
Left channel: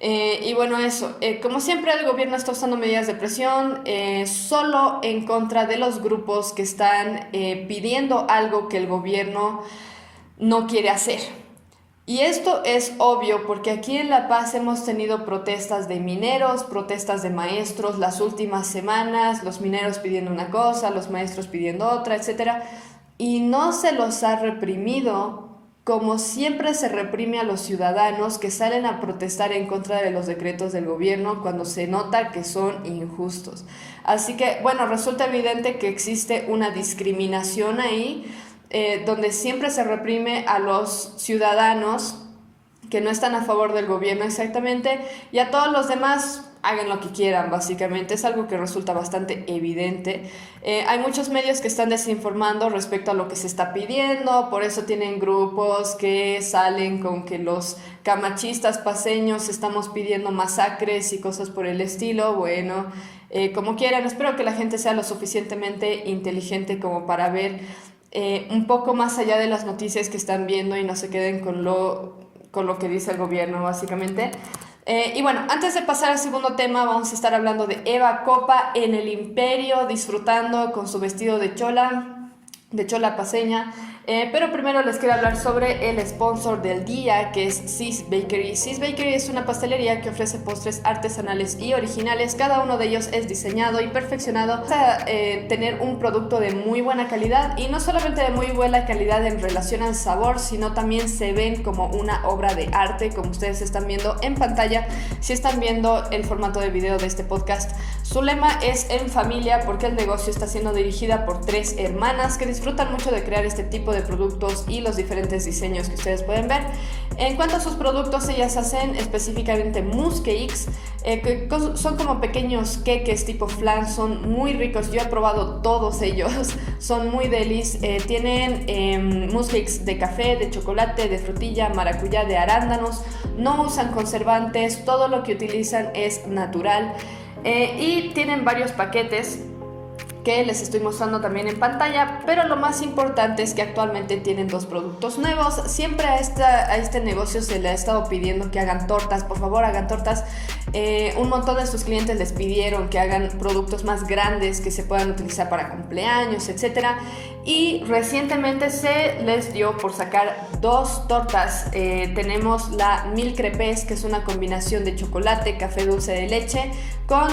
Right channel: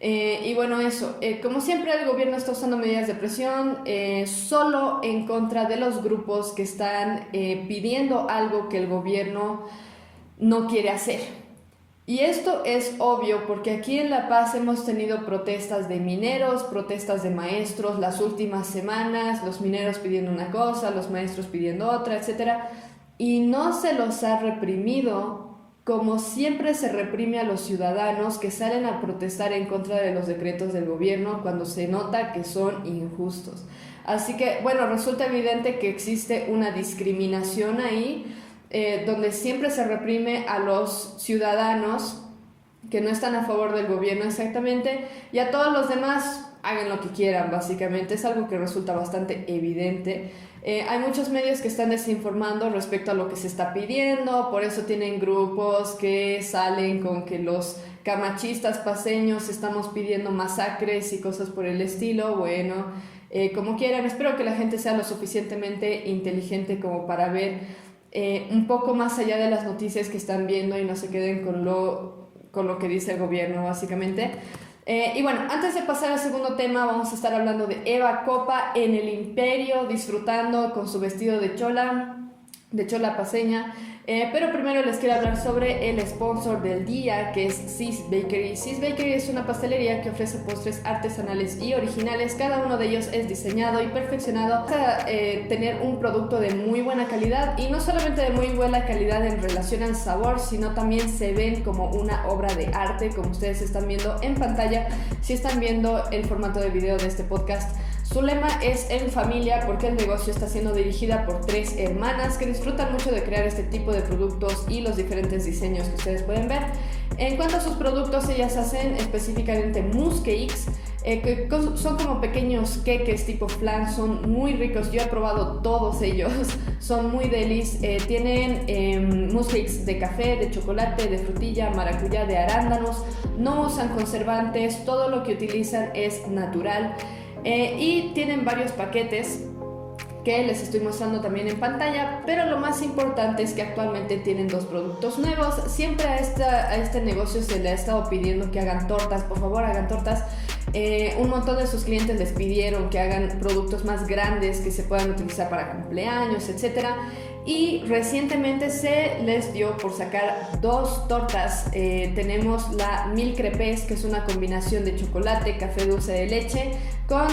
Y bueno, eso, como siempre el gobierno está usando medidas de presión solo en contra de los grupos que están pidiendo algo que el gobierno no quiere hacer. Y esto es obvio porque aquí en La Paz hemos tenido protestas de mineros, protestas de maestros las últimas semanas, los mineros pidiendo una cosa, los maestros pidiendo otra, etc. Y no se los ha reprimido como siempre se reprime a los ciudadanos que salen a protestar en contra de los decretos del gobierno cuando se nota que son injustos. Así que, bueno, resulta evidente que existe una discriminación ahí, donde siempre se reprime a los ciudadanos que no están a favor del gobierno exactamente, y a todos los demás hagan lo que quieran, básicamente. Es algo que resulta bastante evidente. Hay muchos medios que están desinformando respecto a lo que se está pidiendo, por eso tienen grupos que salen con que los camachistas paceños estamos pidiendo masacres y cosas por el estilo. Bueno, como quieran, espero que la gente sea lo suficientemente inteligente como para ver un poco más allá de las noticias que están viendo y no se queden con lo que dice el gobierno, básicamente. Y bueno, antes de pasar al segundo tema, vamos a estar hablando de Eva Copa en el Imperio, disfrutando con su vestido de chola paceña. Pero primero les quiero hablar sobre el sponsor del día, que es Sis Bakery. Sis Bakery es una pastelería que ofrece postres artesanales y originales. Cada uno de ellos es diseñado y perfeccionado para tener un producto de muy buena calidad, y no solamente de muy buena calidad en relación al sabor, sino también se ven como una obra de arte, como ustedes están viendo en pantalla. Si están viendo el formato de video de este podcast, Su lema es en familia porque el negocio está siendo dirigida por 3 hermanas que disfrutan mucho de crear este tipo de productos y los diferentes diseños que ustedes pueden ver. En cuanto a sus productos, ellas hacen específicamente mousse cakes, que son como pequeños queques tipo flan, son muy ricos. Yo he probado todos ellos, son muy delis. Tienen mousse cakes de café, de chocolate, de frutilla, maracuyá, de arándanos. No usan conservantes, todo lo que utilizan es natural. Y tienen varios paquetes que les estoy mostrando también en pantalla, pero lo más importante es que actualmente tienen 2 productos nuevos. Siempre a este negocio se le ha estado pidiendo que hagan tortas, por favor hagan tortas. Un montón de sus clientes les pidieron que hagan productos más grandes que se puedan utilizar para cumpleaños, etc. Y recientemente se les dio por sacar 2 tortas. Tenemos la Mil Crepes, que es una combinación de chocolate, café dulce de leche con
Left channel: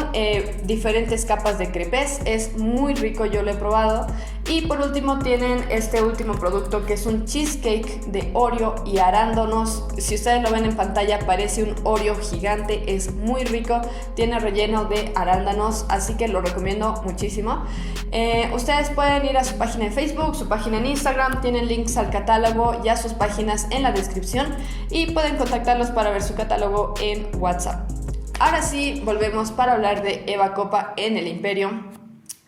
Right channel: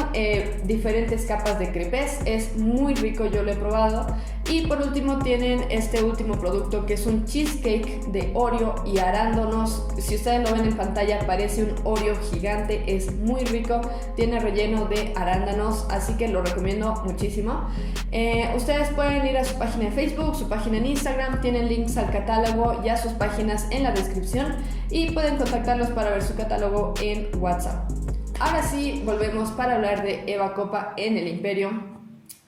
diferentes capas de crepes. Es muy rico, yo lo he probado. Y por último tienen este último producto, que es un cheesecake de Oreo y arándanos. Si ustedes lo ven en pantalla, parece un Oreo gigante, es muy rico, tiene relleno de arándanos, así que lo recomiendo muchísimo. Ustedes pueden ir a su página en Facebook, su página en Instagram, tienen links al catálogo y a sus páginas en la descripción, y pueden contactarlos para ver su catálogo en WhatsApp. Ahora sí, volvemos para hablar de Eva Copa en el Imperio.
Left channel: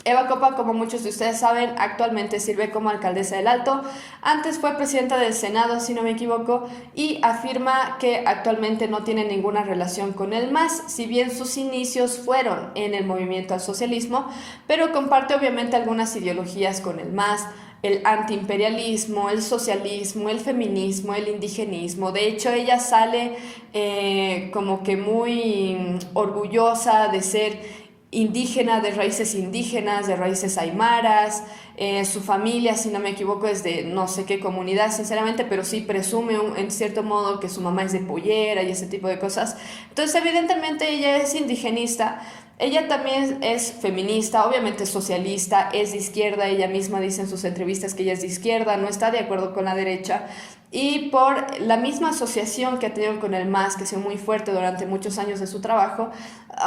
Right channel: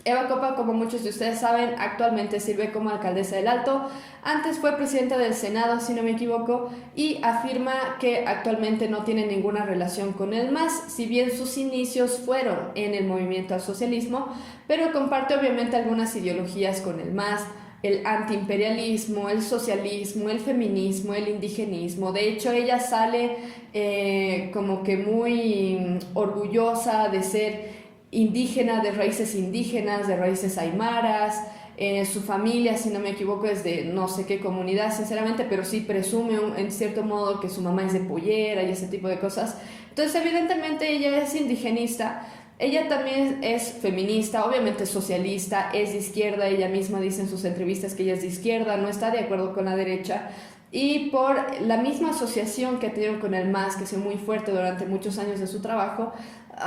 Eva Copa, como muchos de ustedes saben, actualmente sirve como alcaldesa del Alto. Antes fue presidenta del Senado, si no me equivoco, y afirma que actualmente no tiene ninguna relación con el MAS, si bien sus inicios fueron en el movimiento al socialismo, pero comparte obviamente algunas ideologías con el MAS, el antiimperialismo, el socialismo, el feminismo, el indigenismo. De hecho, ella sale como que muy orgullosa de ser indígena, de raíces aymaras. Su familia, si no me equivoco, es de no sé qué comunidad, sinceramente, pero sí presume en cierto modo que su mamá es de Pollera y ese tipo de cosas. Entonces, evidentemente, ella es indigenista. Ella también es feminista, obviamente socialista, es de izquierda. Ella misma dice en sus entrevistas que ella es de izquierda, no está de acuerdo con la derecha. Y por la misma asociación que ha tenido con el MAS, que ha sido muy fuerte durante muchos años de su trabajo,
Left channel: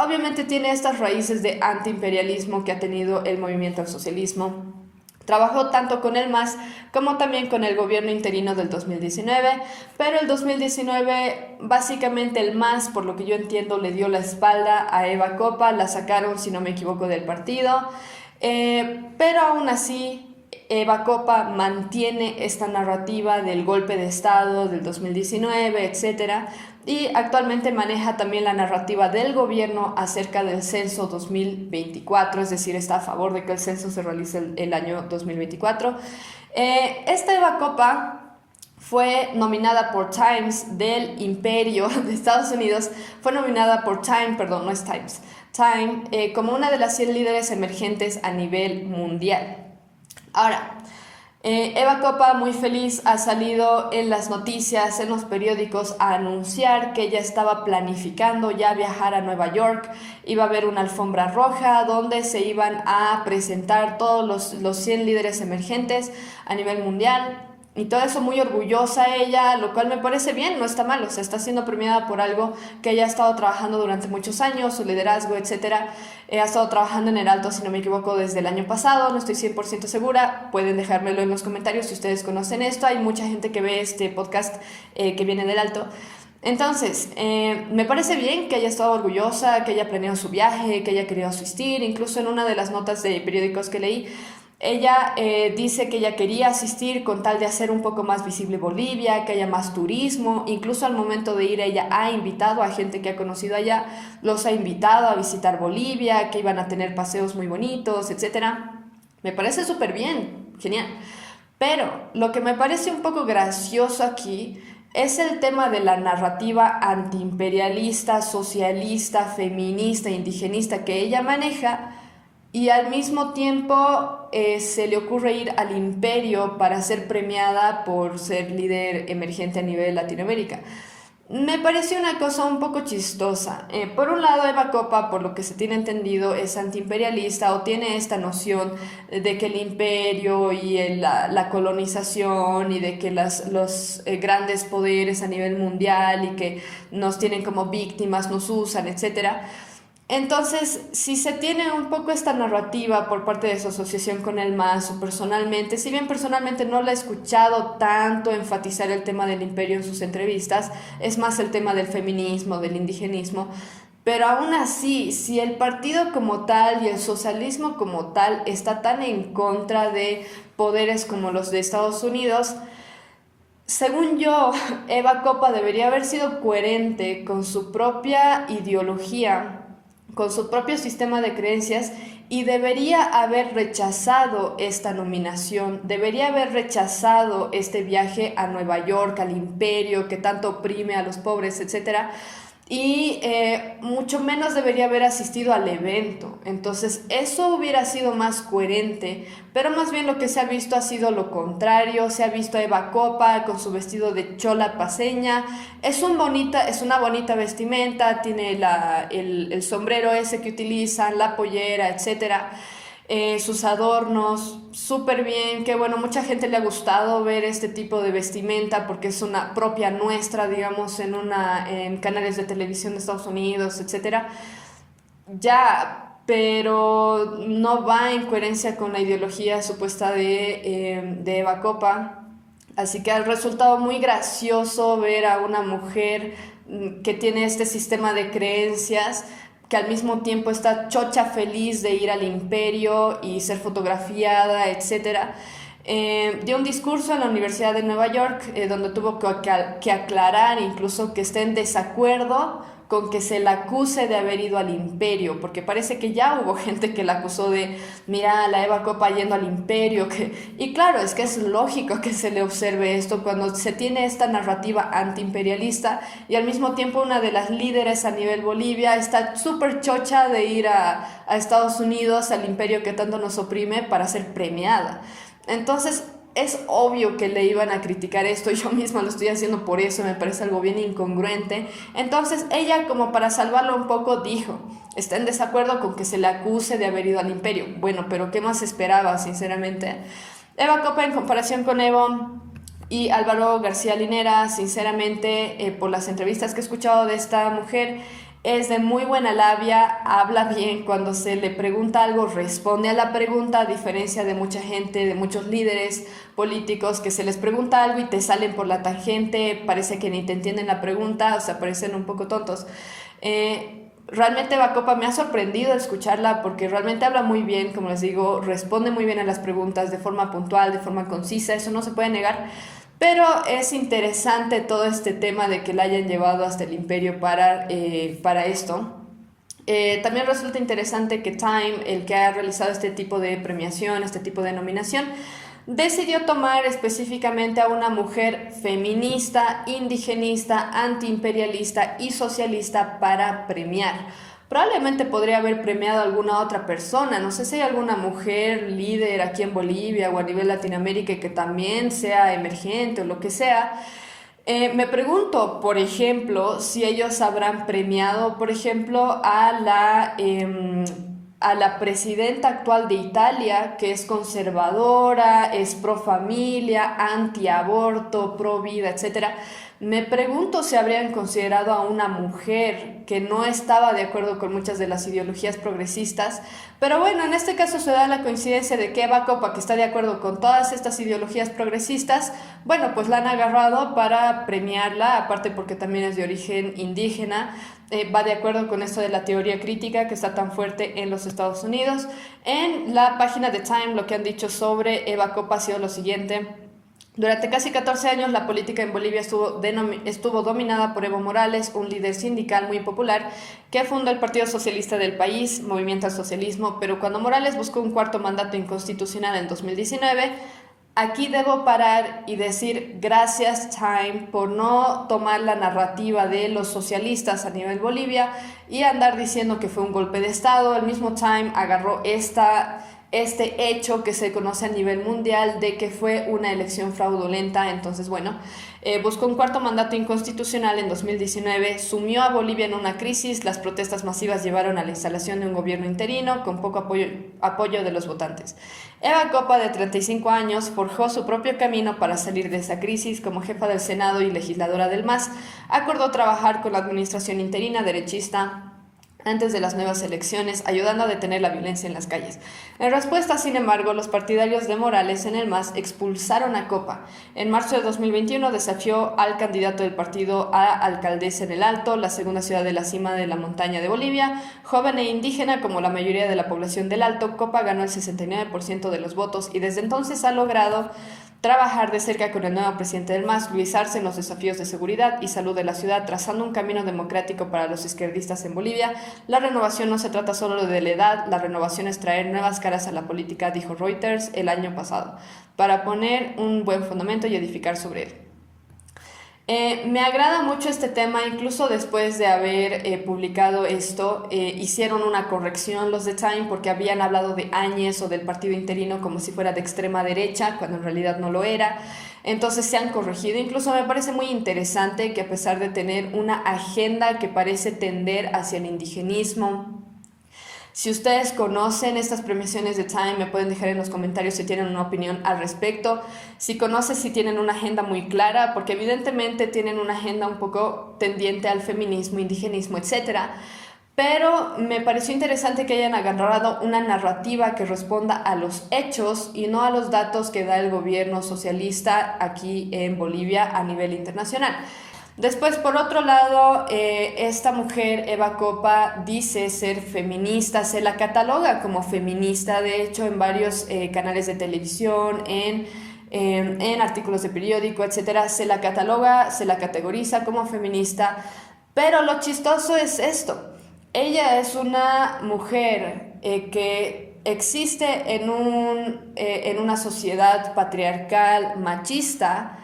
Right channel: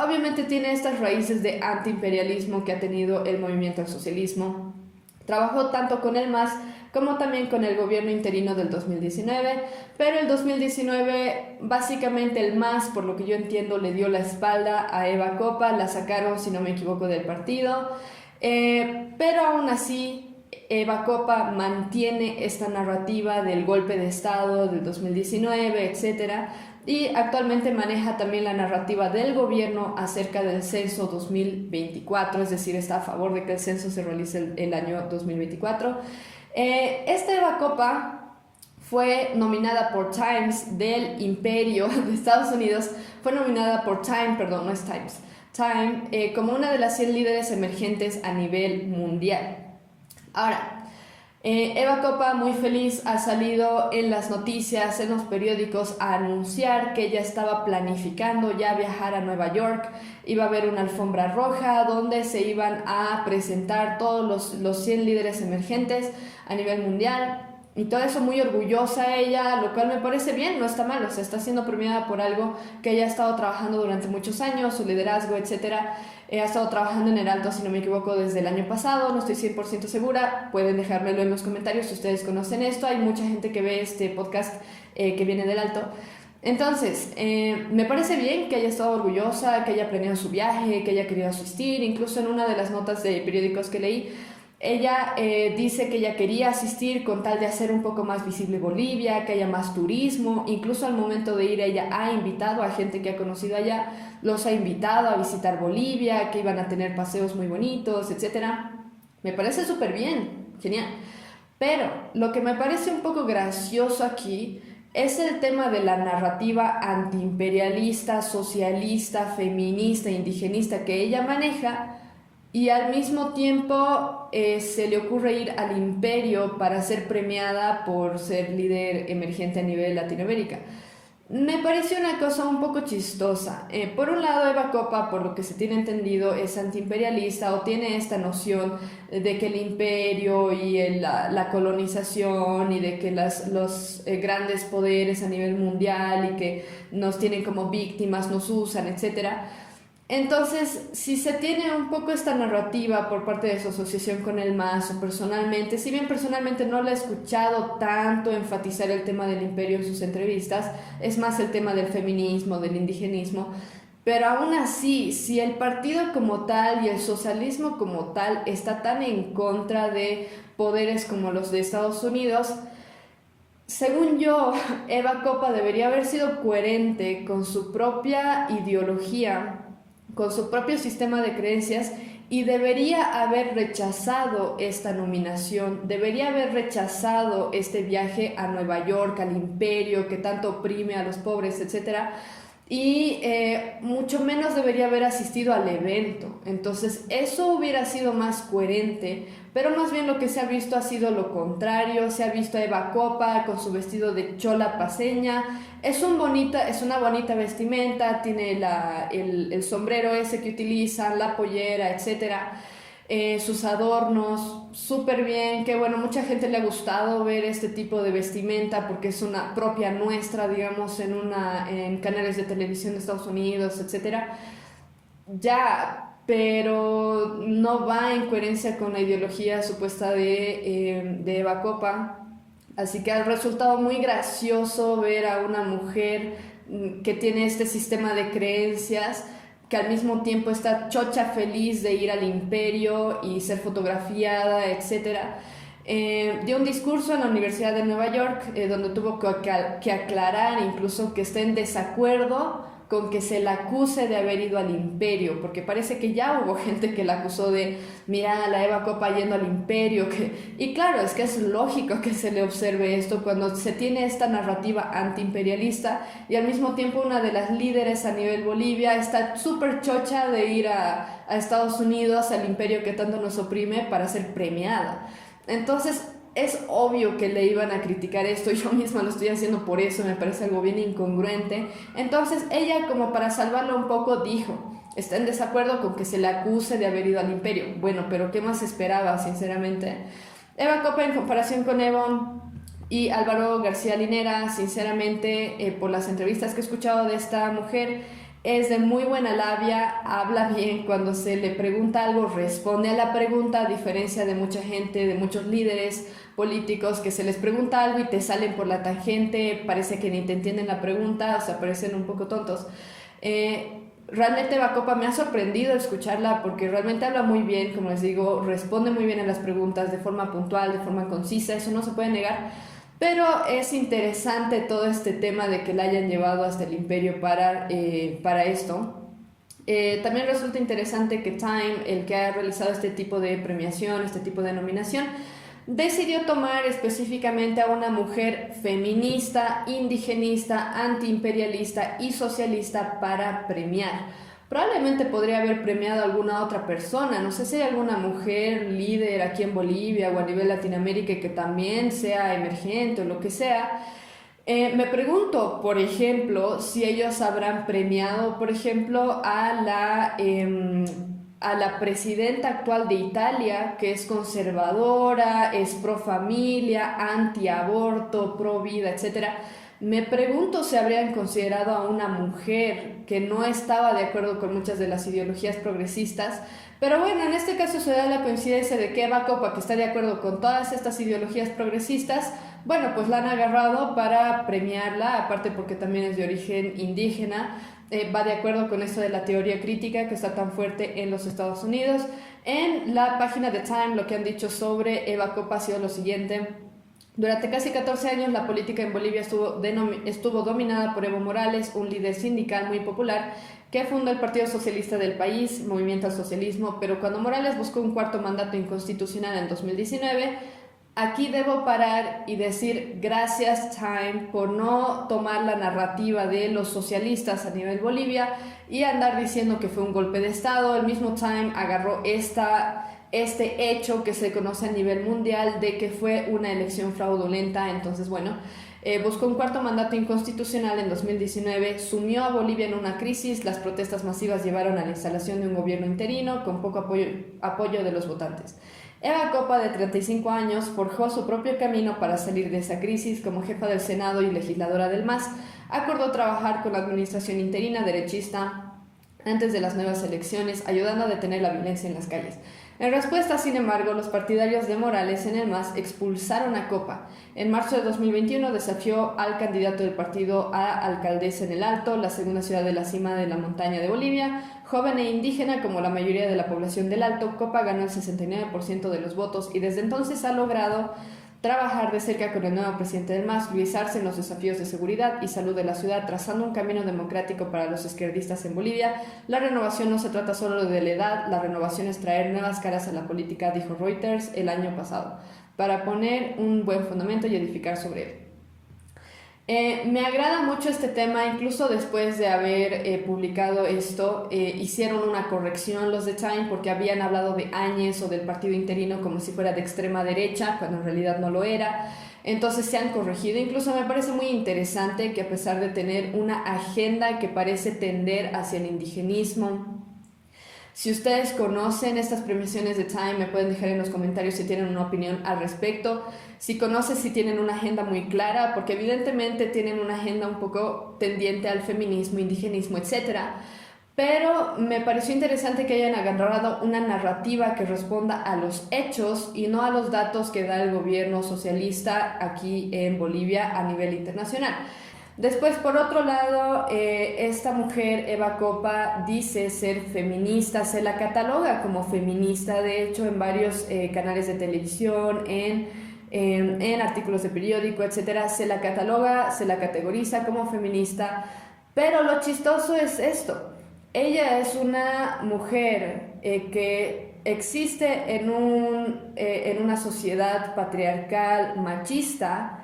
obviamente tiene estas raíces de antiimperialismo que ha tenido el movimiento al socialismo. Trabajó tanto con el MAS como también con el gobierno interino del 2019, pero el 2019 básicamente el MAS, por lo que yo entiendo, le dio la espalda a Eva Copa, la sacaron, si no me equivoco, del partido, pero aún así Eva Copa mantiene esta narrativa del golpe de Estado del 2019, etc. Y actualmente maneja también la narrativa del gobierno acerca del censo 2024, es decir, está a favor de que el censo se realice el año 2024. Esta Eva Copa fue nominada por Times del Imperio de Estados Unidos, fue nominada por Time, perdón, no es Times, Time, como una de las 100 líderes emergentes a nivel mundial. Ahora, Eva Copa, muy feliz, ha salido en las noticias, en los periódicos, a anunciar que ella estaba planificando ya viajar a Nueva York. Iba a haber una alfombra roja donde se iban a presentar todos los 100 líderes emergentes a nivel mundial. Y todo eso, muy orgullosa ella, lo cual me parece bien, no está mal, o sea, está siendo premiada por algo que ella ha estado trabajando durante muchos años, su liderazgo, etc. Ha estado trabajando en el Alto, si no me equivoco, desde el año pasado, no estoy 100% segura, pueden dejármelo en los comentarios si ustedes conocen esto. Hay mucha gente que ve este podcast que viene del Alto. Entonces, me parece bien que haya estado orgullosa, que haya planeado su viaje, que haya querido asistir. Incluso en una de las notas de periódicos que leí, ella dice que ella quería asistir con tal de hacer un poco más visible Bolivia, que haya más turismo. Incluso al momento de ir, ella ha invitado a gente que ha conocido allá, los ha invitado a visitar Bolivia, que iban a tener paseos muy bonitos, etc. Me parece súper bien, genial. Pero lo que me parece un poco gracioso aquí es el tema de la narrativa antiimperialista, socialista, feminista, indigenista que ella maneja. Y al mismo tiempo se le ocurre ir al Imperio para ser premiada por ser líder emergente a nivel Latinoamérica. Me pareció una cosa un poco chistosa. Por un lado, Eva Copa, por lo que se tiene entendido, es antiimperialista o tiene esta noción de que el imperio y la colonización y de que los grandes poderes a nivel mundial y que nos tienen como víctimas, nos usan, etc. Entonces, si se tiene un poco esta narrativa por parte de su asociación con el MAS o personalmente, si bien personalmente no la he escuchado tanto enfatizar el tema del imperio en sus entrevistas, es más el tema del feminismo, del indigenismo, pero aún así, si el partido como tal y el socialismo como tal está tan en contra de poderes como los de Estados Unidos, según yo, Eva Copa debería haber sido coherente con su propia ideología, con su propio sistema de creencias y debería haber rechazado esta nominación, debería haber rechazado este viaje a Nueva York, al imperio que tanto oprime a los pobres, etcétera, y mucho menos debería haber asistido al evento. Entonces eso hubiera sido más coherente, pero más bien lo que se ha visto ha sido lo contrario. Se ha visto a Eva Copa con su vestido de chola paseña. Es una bonita vestimenta, tiene el sombrero ese que utilizan, la pollera, etcétera, sus adornos, súper bien, que bueno, mucha gente le ha gustado ver este tipo de vestimenta porque es una propia nuestra, digamos, en canales de televisión de Estados Unidos, etcétera. Ya, pero no va en coherencia con la ideología supuesta de Eva Copa. Así que ha resultado muy gracioso ver a una mujer que tiene este sistema de creencias, que al mismo tiempo está chocha feliz de ir al imperio y ser fotografiada, etcétera. Dio un discurso en la Universidad de Nueva York donde tuvo que aclarar incluso que esté en desacuerdo con que se la acuse de haber ido al imperio, porque parece que ya hubo gente que la acusó de, mira, la Eva Copa yendo al imperio, y claro, es que es lógico que se le observe esto cuando se tiene esta narrativa antiimperialista y al mismo tiempo una de las líderes a nivel Bolivia está súper chocha de ir a Estados Unidos, al imperio que tanto nos oprime, para ser premiada. Entonces, es obvio que le iban a criticar esto, yo misma lo estoy haciendo por eso, me parece algo bien incongruente. Entonces ella, como para salvarlo un poco, dijo, está en desacuerdo con que se le acuse de haber ido al imperio. Bueno, pero ¿qué más esperaba, sinceramente? Eva Copa, en comparación con Evon y Álvaro García Linera, sinceramente, por las entrevistas que he escuchado de esta mujer, es de muy buena labia, habla bien, cuando se le pregunta algo responde a la pregunta, a diferencia de mucha gente, de muchos líderes políticos que se les pregunta algo y te salen por la tangente, parece que ni te entienden la pregunta, o sea, parecen un poco tontos. Realmente Bacopa me ha sorprendido escucharla porque realmente habla muy bien, como les digo, responde muy bien a las preguntas de forma puntual, de forma concisa, eso no se puede negar. Pero es interesante todo este tema de que la hayan llevado hasta el imperio para esto. También resulta interesante que Time, el que ha realizado este tipo de premiación, este tipo de nominación, decidió tomar específicamente a una mujer feminista, indigenista, antiimperialista y socialista para premiar. Probablemente podría haber premiado a alguna otra persona, no sé si hay alguna mujer líder aquí en Bolivia o a nivel Latinoamérica que también sea emergente o lo que sea. Me pregunto, por ejemplo, si ellos habrán premiado, por ejemplo, a la presidenta actual de Italia, que es conservadora, es pro familia, anti-aborto, pro vida, etcétera. Me pregunto si habrían considerado a una mujer que no estaba de acuerdo con muchas de las ideologías progresistas, pero bueno, en este caso se da la coincidencia de que Eva Copa, que está de acuerdo con todas estas ideologías progresistas, bueno, pues la han agarrado para premiarla, aparte porque también es de origen indígena, va de acuerdo con esto de la teoría crítica que está tan fuerte en los Estados Unidos. En la página de Time lo que han dicho sobre Eva Copa ha sido lo siguiente: durante casi 14 años la política en Bolivia estuvo dominada por Evo Morales, un líder sindical muy popular que fundó el Partido Socialista del país, Movimiento al Socialismo, pero cuando Morales buscó un cuarto mandato inconstitucional en 2019, aquí debo parar y decir gracias Time por no tomar la narrativa de los socialistas a nivel Bolivia y andar diciendo que fue un golpe de Estado. El mismo Time agarró este hecho que se conoce a nivel mundial de que fue una elección fraudulenta. Entonces, bueno, buscó un cuarto mandato inconstitucional en 2019, sumió a Bolivia en una crisis, las protestas masivas llevaron a la instalación de un gobierno interino con poco apoyo de los votantes. Eva Copa, de 35 años, forjó su propio camino para salir de esa crisis. Como jefa del Senado y legisladora del MAS, acordó trabajar con la administración interina derechista antes de las nuevas elecciones, ayudando a detener la violencia en las calles. En respuesta, sin embargo, los partidarios de Morales en el MAS expulsaron a Copa. En marzo de 2021 desafió al candidato del partido a alcaldesa en El Alto, la segunda ciudad de la cima de la montaña de Bolivia. Joven e indígena como la mayoría de la población del Alto, Copa ganó el 69% de los votos y desde entonces ha logrado trabajar de cerca con el nuevo presidente del MAS, guisarse en los desafíos de seguridad y salud de la ciudad, trazando un camino democrático para los izquierdistas en Bolivia. La renovación no se trata solo de la edad, la renovación es traer nuevas caras a la política, dijo Reuters el año pasado, para poner un buen fundamento y edificar sobre él. Me agrada mucho este tema, incluso después de haber publicado esto, hicieron una corrección los de Time porque habían hablado de Áñez o del partido interino como si fuera de extrema derecha, cuando en realidad no lo era. Entonces se han corregido. Incluso me parece muy interesante que a pesar de tener una agenda que parece tender hacia el indigenismo, si ustedes conocen estas premiaciones de Time, me pueden dejar en los comentarios si tienen una opinión al respecto. Si conocen, si tienen una agenda muy clara, porque evidentemente tienen una agenda un poco tendiente al feminismo, indigenismo, etc. Pero me pareció interesante que hayan agarrado una narrativa que responda a los hechos y no a los datos que da el gobierno socialista aquí en Bolivia a nivel internacional. Después, por otro lado, esta mujer, Eva Copa, dice ser feminista, se la cataloga como feminista, de hecho, en varios canales de televisión, en artículos de periódico, etcétera, se la cataloga, se la categoriza como feminista, pero lo chistoso es esto. Ella es una mujer que existe en una sociedad patriarcal, machista,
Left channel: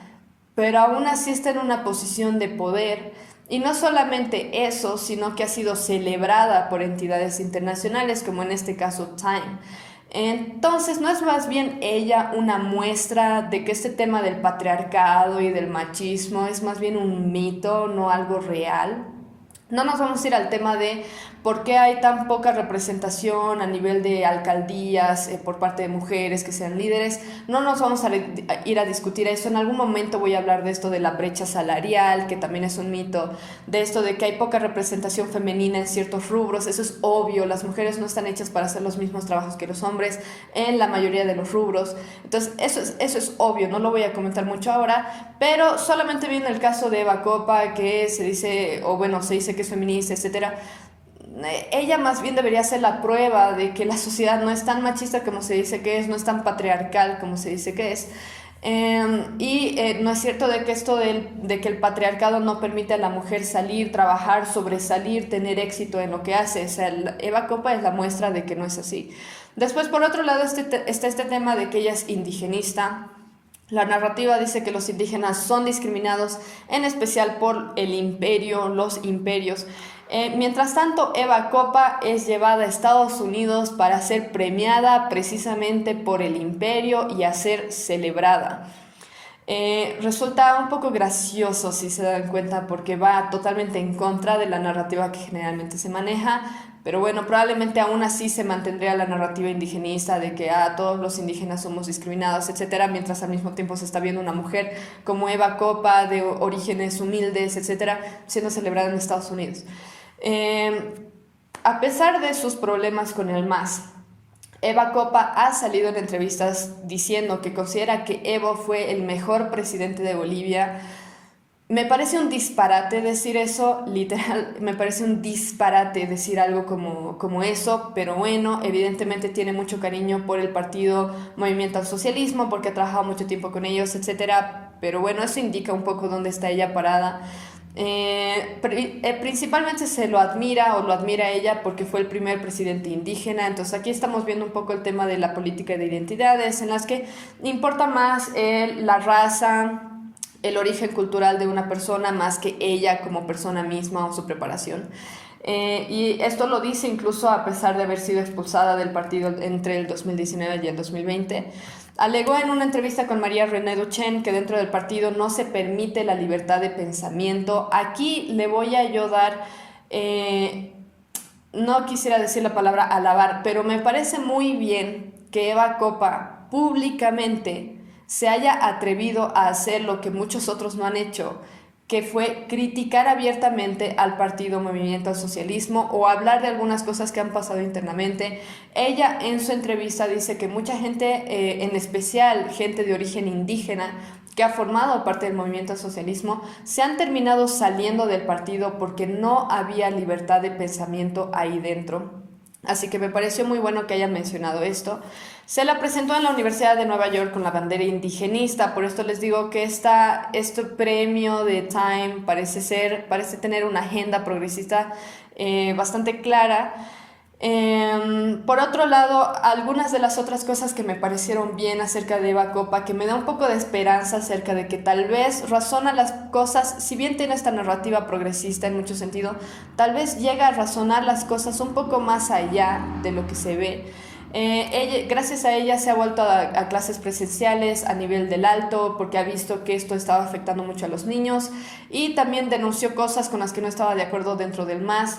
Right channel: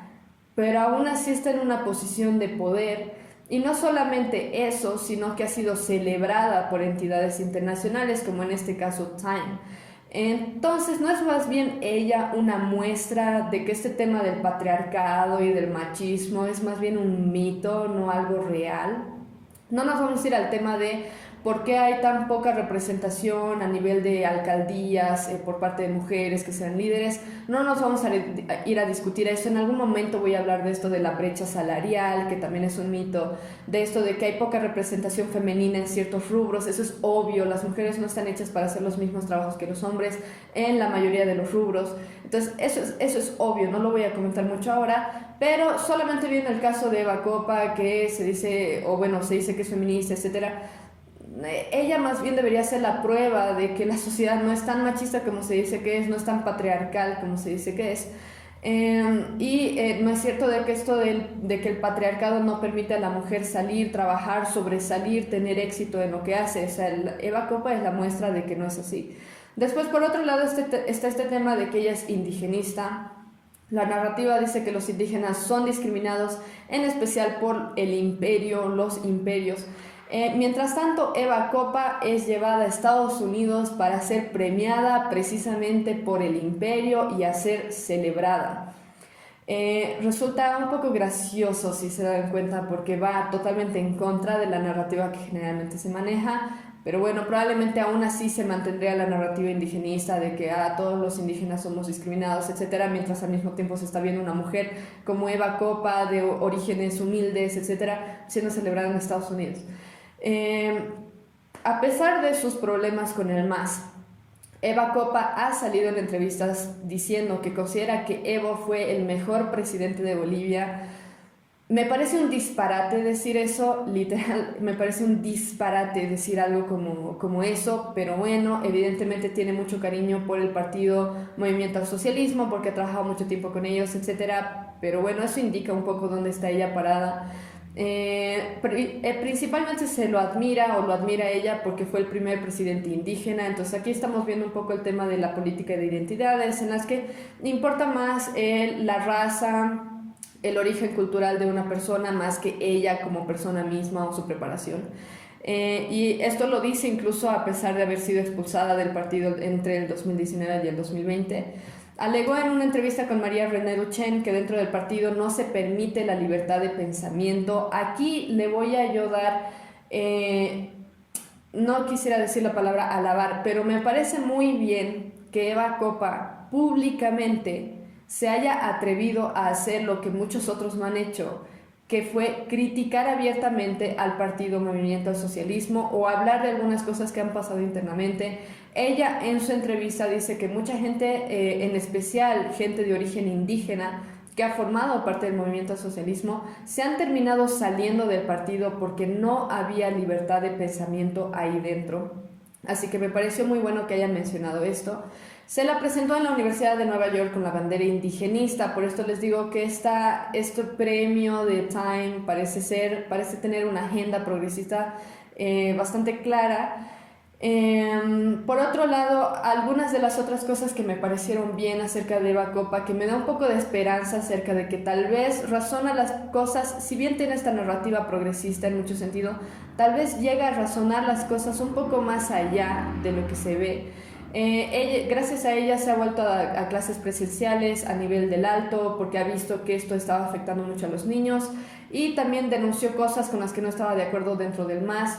pero aún así está en una posición de poder. Y no solamente eso, sino que ha sido celebrada por entidades internacionales, como en este caso Time. Entonces, ¿no es más bien ella una muestra de que este tema del patriarcado y del machismo es más bien un mito, no algo real? No nos vamos a ir al tema de por qué hay tan poca representación a nivel de alcaldías por parte de mujeres que sean líderes. No nos vamos a ir a discutir esto. En algún momento voy a hablar de esto de la brecha salarial, que también es un mito, de esto de que hay poca representación femenina en ciertos rubros. Eso es obvio, las mujeres no están hechas para hacer los mismos trabajos que los hombres en la mayoría de los rubros. Entonces, eso es obvio, no lo voy a comentar mucho ahora, pero solamente viendo el caso de Eva Copa, que se dice, o bueno, se dice que es feminista, etcétera. Ella más bien debería ser la prueba de que la sociedad no es tan machista como se dice que es, no es tan patriarcal como se dice que es. No es cierto de que esto de que el patriarcado no permite a la mujer salir, trabajar, sobresalir, tener éxito en lo que hace. O sea, Eva Copa es la muestra de que no es así. Después, por otro lado, está este tema de que ella es indigenista. La narrativa dice que los indígenas son discriminados, en especial por el imperio, los imperios. Mientras tanto, Eva Copa es llevada a Estados Unidos para ser premiada precisamente por el imperio y a ser celebrada. Resulta un poco gracioso si se dan cuenta porque va totalmente en contra de la narrativa que generalmente se maneja, pero bueno, probablemente aún así se mantendría la narrativa indigenista de que todos los indígenas somos discriminados, etcétera, mientras al mismo tiempo se está viendo una mujer como Eva Copa de orígenes humildes, etcétera, siendo celebrada en Estados Unidos. A pesar de sus problemas con el MAS, Eva Copa ha salido en entrevistas diciendo que considera que Evo fue el mejor presidente de Bolivia. Me parece un disparate decir eso, literal, me parece un disparate decir algo como eso, pero bueno, evidentemente tiene mucho cariño por el partido Movimiento al Socialismo, porque ha trabajado mucho tiempo con ellos, etcétera, pero bueno, eso indica un poco dónde está ella parada. Principalmente se lo admira o lo admira ella porque fue el primer presidente indígena. Entonces aquí estamos viendo un poco el tema de la política de identidades en las que importa más la raza, el origen cultural de una persona más que ella como persona misma o su preparación. Y esto lo dice incluso a pesar de haber sido expulsada del partido entre el 2019 y el 2020. Alegó en una entrevista con María René Duchenne que dentro del partido no se permite la libertad de pensamiento. Aquí le voy a yo dar, no quisiera decir la palabra alabar, pero me parece muy bien que Eva Copa públicamente se haya atrevido a hacer lo que muchos otros no han hecho, que fue criticar abiertamente al partido Movimiento al Socialismo o hablar de algunas cosas que han pasado internamente. Ella en su entrevista dice que mucha gente, en especial gente de origen indígena, que ha formado parte del movimiento al socialismo, se han terminado saliendo del partido porque no había libertad de pensamiento ahí dentro. Así que me pareció muy bueno que hayan mencionado esto. Se la presentó en la Universidad de Nueva York con la bandera indigenista, por esto les digo que este premio de Time parece tener una agenda progresista bastante clara. Por otro lado, algunas de las otras cosas que me parecieron bien acerca de Eva Copa, que me da un poco de esperanza acerca de que tal vez razona las cosas, si bien tiene esta narrativa progresista en mucho sentido, tal vez llega a razonar las cosas un poco más allá de lo que se ve. Gracias a ella se ha vuelto a clases presenciales a nivel del alto porque ha visto que esto estaba afectando mucho a los niños y también denunció cosas con las que no estaba de acuerdo dentro del MAS,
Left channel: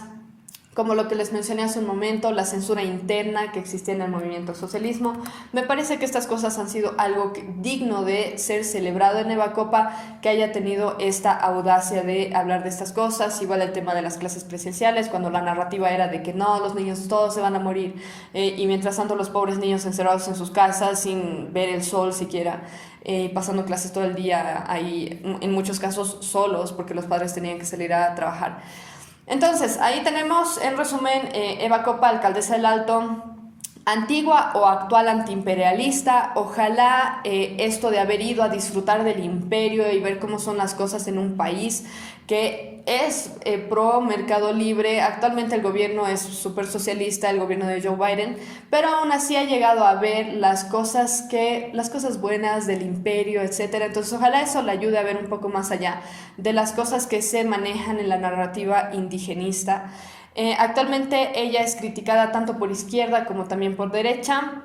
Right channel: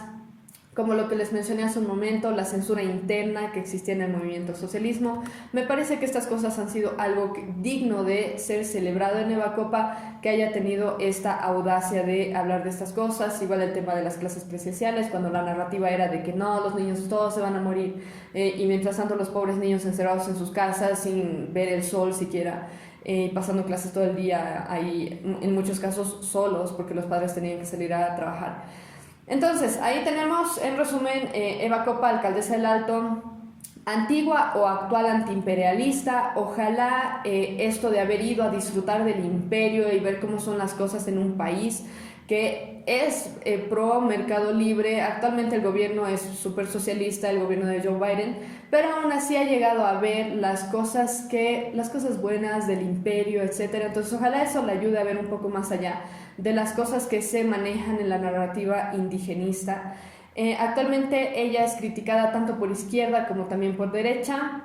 como lo que les mencioné hace un momento, la censura interna que existía en el movimiento socialismo. Me parece que estas cosas han sido algo digno de ser celebrado en Eva Copa, que haya tenido esta audacia de hablar de estas cosas. Igual el tema de las clases presenciales, cuando la narrativa era de que no, los niños todos se van a morir, y mientras tanto los pobres niños encerrados en sus casas sin ver el sol siquiera, pasando clases todo el día ahí, en muchos casos solos, porque los padres tenían que salir a trabajar. Entonces, ahí tenemos, en resumen, Eva Copa, alcaldesa del Alto, antigua o actual antiimperialista. Ojalá esto de haber ido a disfrutar del imperio y ver cómo son las cosas en un país que es pro mercado libre. Actualmente el gobierno es súper socialista, el gobierno de Joe Biden, pero aún así ha llegado a ver las cosas buenas del imperio, etcétera. Entonces ojalá eso le ayude a ver un poco más allá de las cosas que se manejan en la narrativa indigenista. Actualmente ella es criticada tanto por izquierda como también por derecha,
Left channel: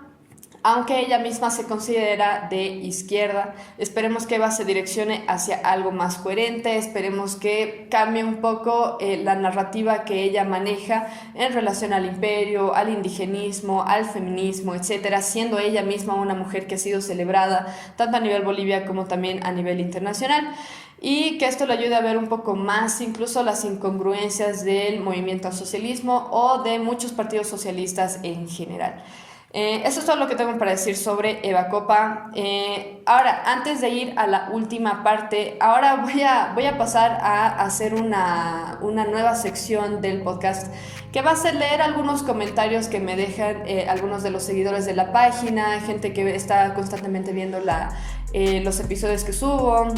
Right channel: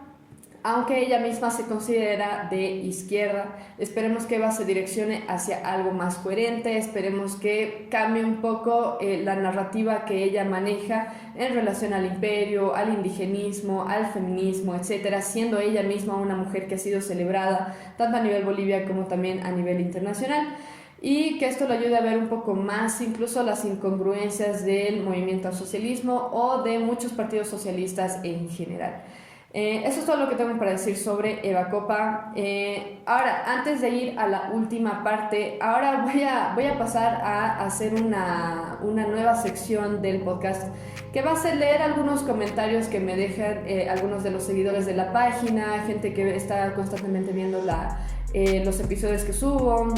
aunque ella misma se considera de izquierda. Esperemos que Eva se direccione hacia algo más coherente, esperemos que cambie un poco la narrativa que ella maneja en relación al imperio, al indigenismo, al feminismo, etcétera, siendo ella misma una mujer que ha sido celebrada tanto a nivel Bolivia como también a nivel internacional. Y que esto le ayude a ver un poco más incluso las incongruencias del movimiento al socialismo o de muchos partidos socialistas en general. Eso es todo lo que tengo para decir sobre Eva Copa. Ahora, antes de ir a la última parte, ahora voy a pasar a hacer una nueva sección del podcast que va a ser leer algunos comentarios que me dejan algunos de los seguidores de la página, gente que está constantemente viendo los episodios que subo.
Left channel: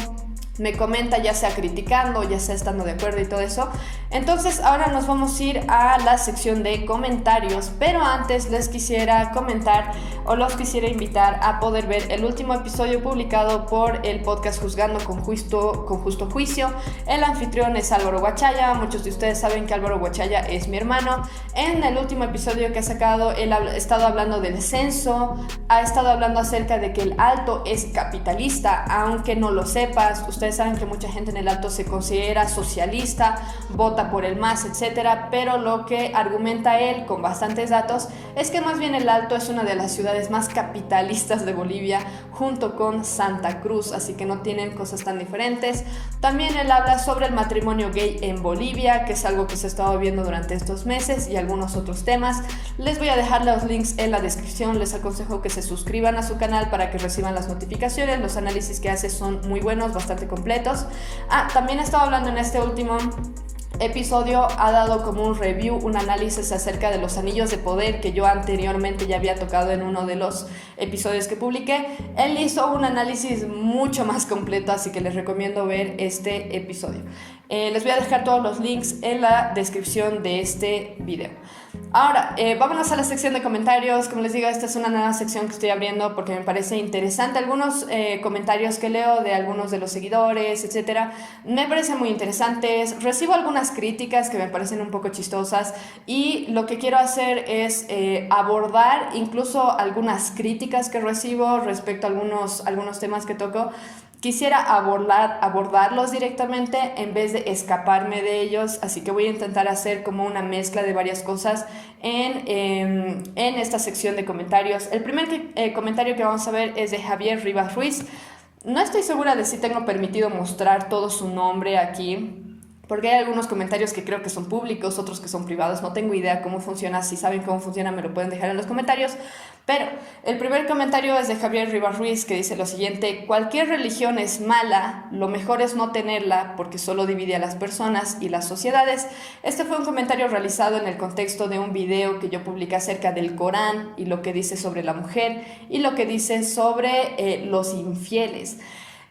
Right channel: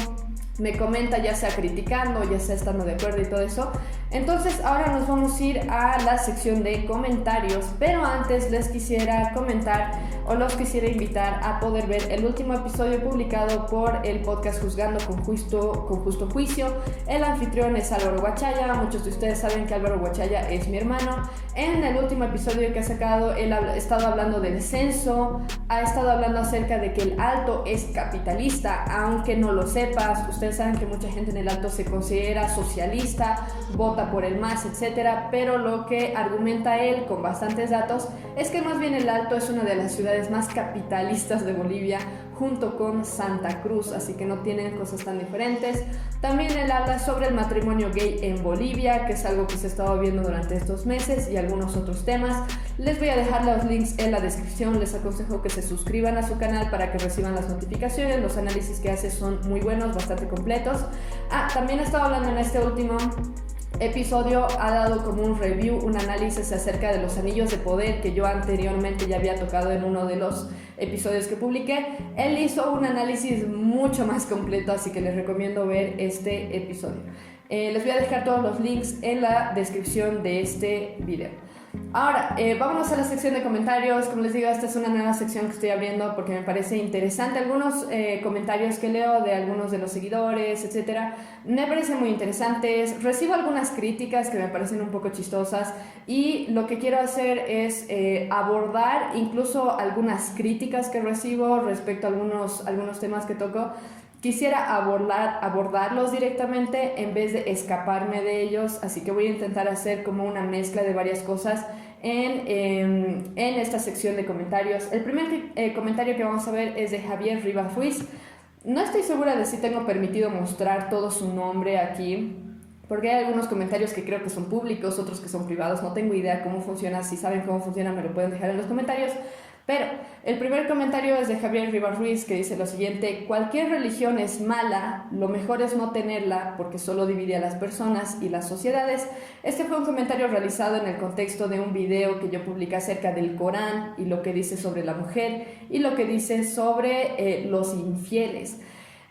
Me comenta, ya sea criticando, ya sea estando de acuerdo y todo eso. Entonces ahora nos vamos a ir a la sección de comentarios, pero antes les quisiera comentar o los quisiera invitar a poder ver el último episodio publicado por el podcast Juzgando con Justo Juicio. El anfitrión es Álvaro Guachaya. Muchos de ustedes saben que Álvaro Guachaya es mi hermano. En el último episodio que ha sacado, él ha estado hablando del censo, ha estado hablando acerca de que el Alto es capitalista, aunque no lo sepas. Ustedes saben que mucha gente en el Alto se considera socialista, vota por el MAS, etcétera, pero lo que argumenta él con bastantes datos es que más bien el Alto es una de las ciudades más capitalistas de Bolivia, junto con Santa Cruz, así que no tienen cosas tan diferentes. También él habla sobre el matrimonio gay en Bolivia, que es algo que se ha estado viendo durante estos meses, y algunos otros temas. Les voy a dejar los links en la descripción. Les aconsejo que se suscriban a su canal para que reciban las notificaciones. Los análisis que hace son muy buenos, bastante completos. También he estado hablando en este último episodio, ha dado como un review, un análisis acerca de los anillos de poder que yo anteriormente ya había tocado en uno de los episodios que publiqué. Él hizo un análisis mucho más completo, así que les recomiendo ver este episodio. Les voy a dejar todos los links en la descripción de este video. Ahora, vámonos a la sección de comentarios. Como les digo, esta es una nueva sección que estoy abriendo porque me parece interesante. Algunos comentarios que leo de algunos de los seguidores, etcétera, me parecen muy interesantes. Recibo algunas críticas que me parecen un poco chistosas y lo que quiero hacer es abordar incluso algunas críticas que recibo respecto a algunos temas que toco. Quisiera abordarlos directamente en vez de escaparme de ellos, así que voy a intentar hacer como una mezcla de varias cosas en esta sección de comentarios. El primer comentario que vamos a ver es de Javier Rivas Ruiz. No estoy segura de si tengo permitido mostrar todo su nombre aquí, porque hay algunos comentarios que creo que son públicos, otros que son privados. No tengo idea cómo funciona. Si saben cómo funciona, me lo pueden dejar en los comentarios. Pero el primer comentario es de Javier Rivas Ruiz, que dice lo siguiente: cualquier religión es mala, lo mejor es no tenerla porque solo divide a las personas y las sociedades. Este fue un comentario realizado en el contexto de un video que yo publiqué acerca del Corán y lo que dice sobre la mujer y lo que dice sobre los infieles.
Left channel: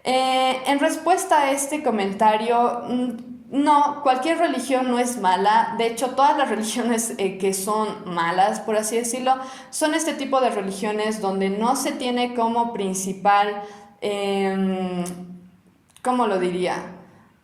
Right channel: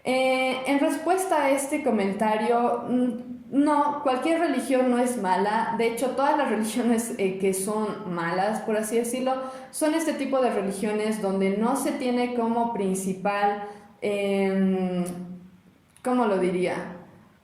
En respuesta a este comentario, no, cualquier religión no es mala. De hecho, todas las religiones que son malas, por así decirlo, son este tipo de religiones donde no se tiene como principal, ¿cómo lo diría?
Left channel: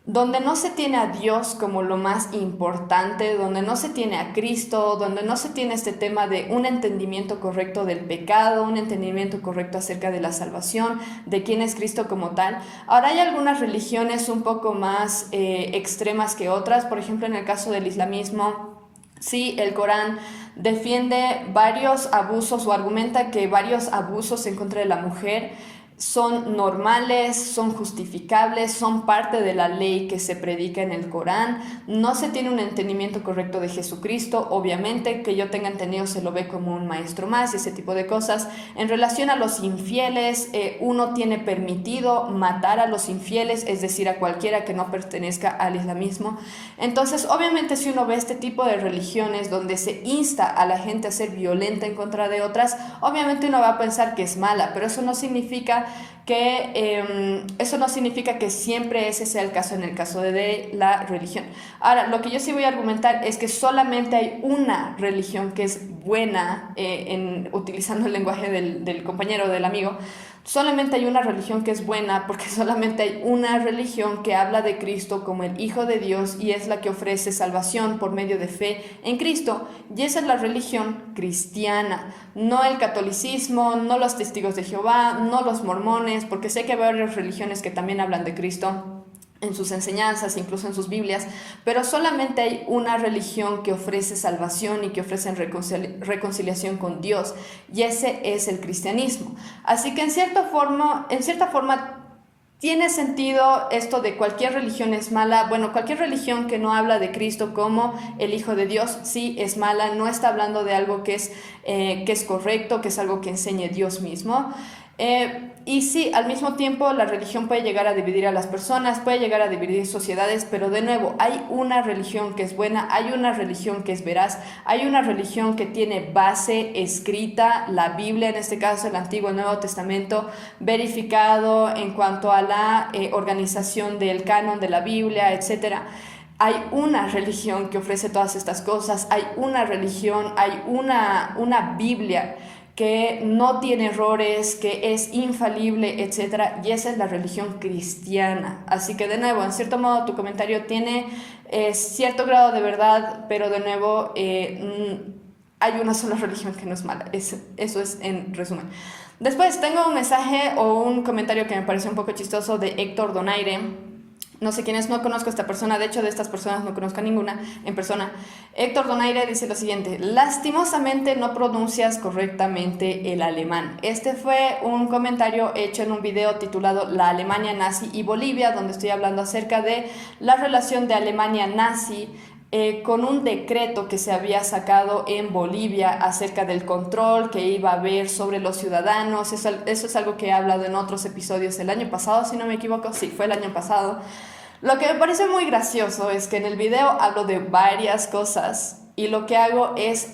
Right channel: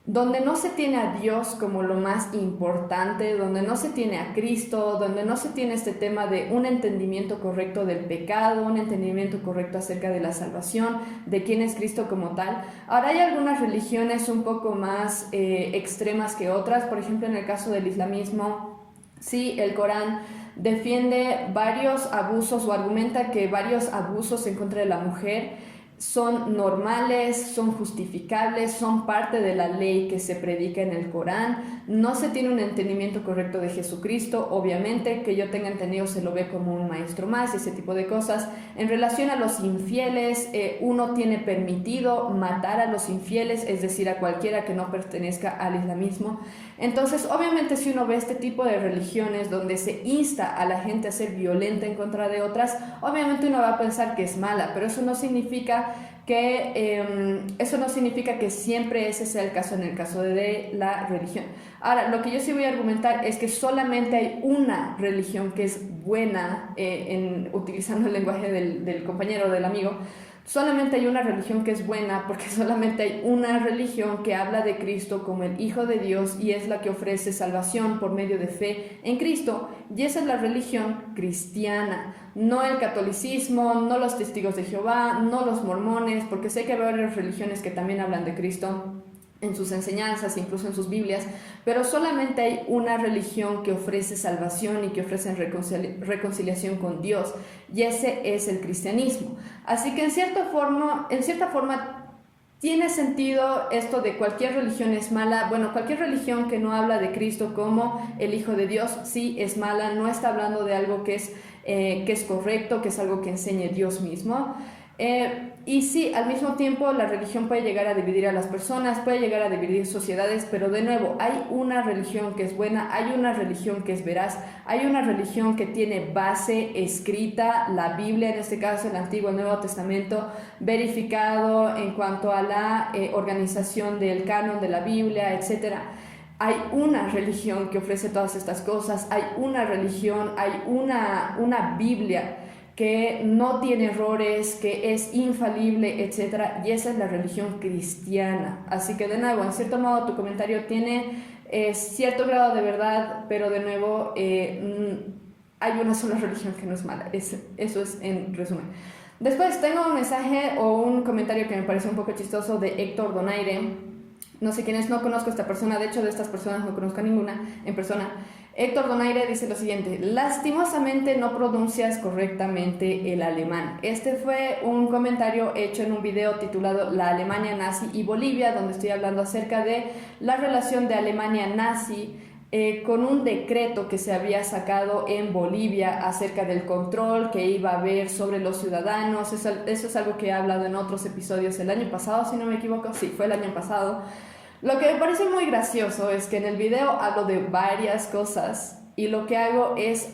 Donde no se tiene a Dios como lo más importante, donde no se tiene a Cristo, donde no se tiene este tema de un entendimiento correcto del pecado, un entendimiento correcto acerca de la salvación, de quién es Cristo como tal. Ahora, hay algunas religiones un poco más extremas que otras. Por ejemplo, en el caso del islamismo, sí, el Corán defiende varios abusos o argumenta que varios abusos en contra de la mujer son normales, son justificables, son parte de la ley que se predica en el Corán. No se tiene un entendimiento correcto de Jesucristo. Obviamente, que yo tenga entendido, se lo ve como un maestro más y ese tipo de cosas. En relación a los infieles, uno tiene permitido matar a los infieles, es decir, a cualquiera que no pertenezca al islamismo. Entonces, obviamente, si uno ve este tipo de religiones donde se insta a la gente a ser violenta en contra de otras, obviamente uno va a pensar que es mala, pero eso no significa que siempre ese sea el caso en el caso de la religión. Ahora, lo que yo sí voy a argumentar es que solamente hay una religión que es buena, utilizando el lenguaje del compañero, del amigo. Solamente hay una religión que es buena porque solamente hay una religión que habla de Cristo como el Hijo de Dios y es la que ofrece salvación por medio de fe en Cristo. Y esa es la religión cristiana, no el catolicismo, no los testigos de Jehová, no los mormones, porque sé que hay varias religiones que también hablan de Cristo en sus enseñanzas, incluso en sus Biblias, pero solamente hay una religión que ofrece salvación y que ofrece reconciliación con Dios, y ese es el cristianismo. Así que en cierta forma tiene sentido esto de cualquier religión es mala. Bueno, cualquier religión que no habla de Cristo como el Hijo de Dios, sí es mala, no está hablando de algo que es correcto, que es algo que enseñe Dios mismo. Y sí, al mismo tiempo la religión puede llegar a dividir a las personas, puede llegar a dividir sociedades, pero de nuevo, hay una religión que es buena, hay una religión que es veraz, hay una religión que tiene base escrita, la Biblia, en este caso el Antiguo y Nuevo Testamento, verificado en cuanto a la organización del canon de la Biblia, etcétera. Hay una religión que ofrece todas estas cosas, hay una religión, hay una Biblia que no tiene errores, que es infalible, etc. Y esa es la religión cristiana. Así que de nuevo, en cierto modo tu comentario tiene cierto grado de verdad, pero de nuevo hay una sola religión que no es mala. Eso es en resumen. Después tengo un mensaje o un comentario que me parece un poco chistoso de Héctor Donaire. No sé quién es, no conozco a esta persona, de hecho de estas personas no conozco a ninguna en persona. Héctor Donaire dice lo siguiente: lastimosamente no pronuncias correctamente el alemán. Este fue un comentario hecho en un video titulado La Alemania nazi y Bolivia, donde estoy hablando acerca de la relación de Alemania nazi con un decreto que se había sacado en Bolivia acerca del control que iba a haber sobre los ciudadanos. Eso es algo que he hablado en otros episodios el año pasado, si no me equivoco. Sí, fue el año pasado. Lo que me parece muy gracioso es que en el video hablo de varias cosas y lo que hago es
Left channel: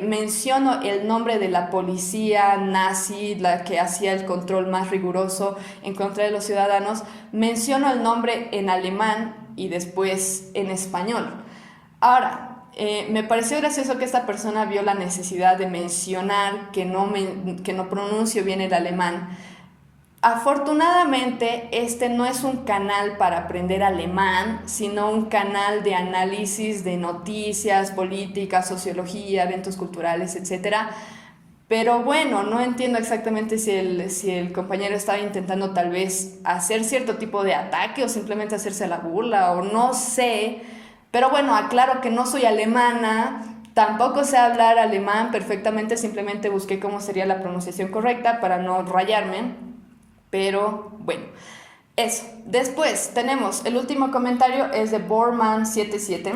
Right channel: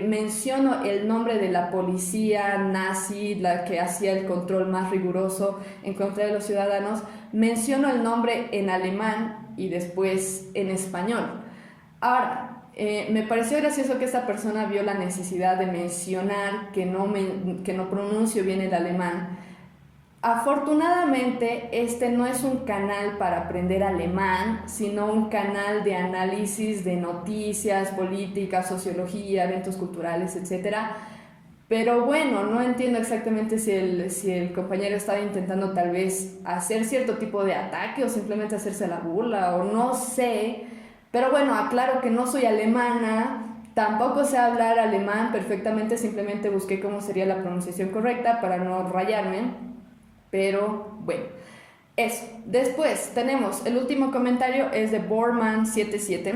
menciono el nombre de la policía nazi, la que hacía el control más riguroso en contra de los ciudadanos, menciono el nombre en alemán y después en español. Ahora, me pareció gracioso que esta persona vio la necesidad de mencionar que no pronuncio bien el alemán. Afortunadamente, este no es un canal para aprender alemán, sino un canal de análisis de noticias, políticas, sociología, eventos culturales, etc. Pero bueno, no entiendo exactamente si el compañero estaba intentando tal vez hacer cierto tipo de ataque o simplemente hacerse la burla, o no sé. Pero bueno, aclaro que no soy alemana, tampoco sé hablar alemán perfectamente, simplemente busqué cómo sería la pronunciación correcta para no rayarme. Pero bueno, eso. Después tenemos el último comentario, es de Borman77.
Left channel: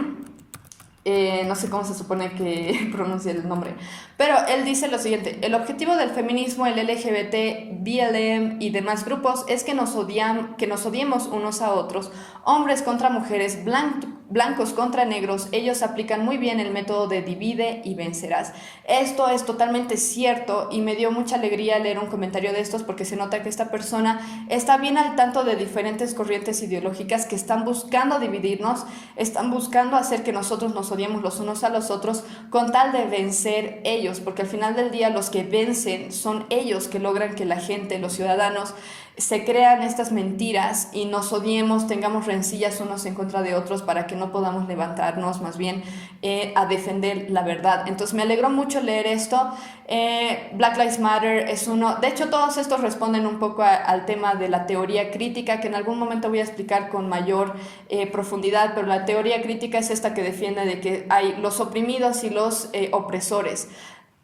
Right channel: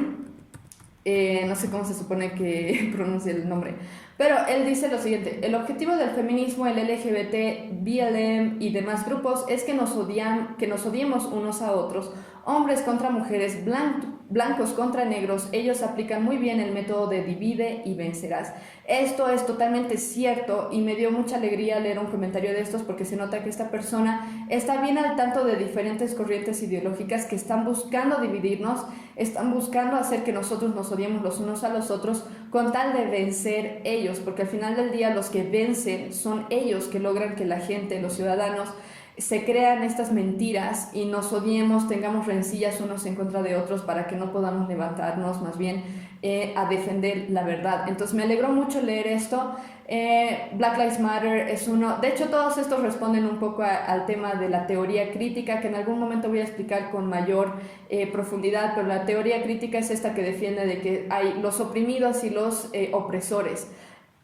No sé cómo se supone que pronuncia el nombre, pero él dice lo siguiente: el objetivo del feminismo, el LGBT, BLM y demás grupos es que nos odiemos unos a otros, hombres contra mujeres, blancos contra negros. Ellos aplican muy bien el método de divide y vencerás. Esto es totalmente cierto y me dio mucha alegría leer un comentario de estos, porque se nota que esta persona está bien al tanto de diferentes corrientes ideológicas que están buscando dividirnos, están buscando hacer que nosotros nos odiemos los unos a los otros con tal de vencer ellos, porque al final del día los que vencen son ellos, que logran que la gente, los ciudadanos, se crean estas mentiras y nos odiemos, tengamos rencillas unos en contra de otros para que no podamos levantarnos más bien a defender la verdad. Entonces me alegró mucho leer esto. Black Lives Matter es uno, de hecho todos estos responden un poco al tema de la teoría crítica, que en algún momento voy a explicar con mayor profundidad, pero la teoría crítica es esta que defiende de que hay los oprimidos y los opresores,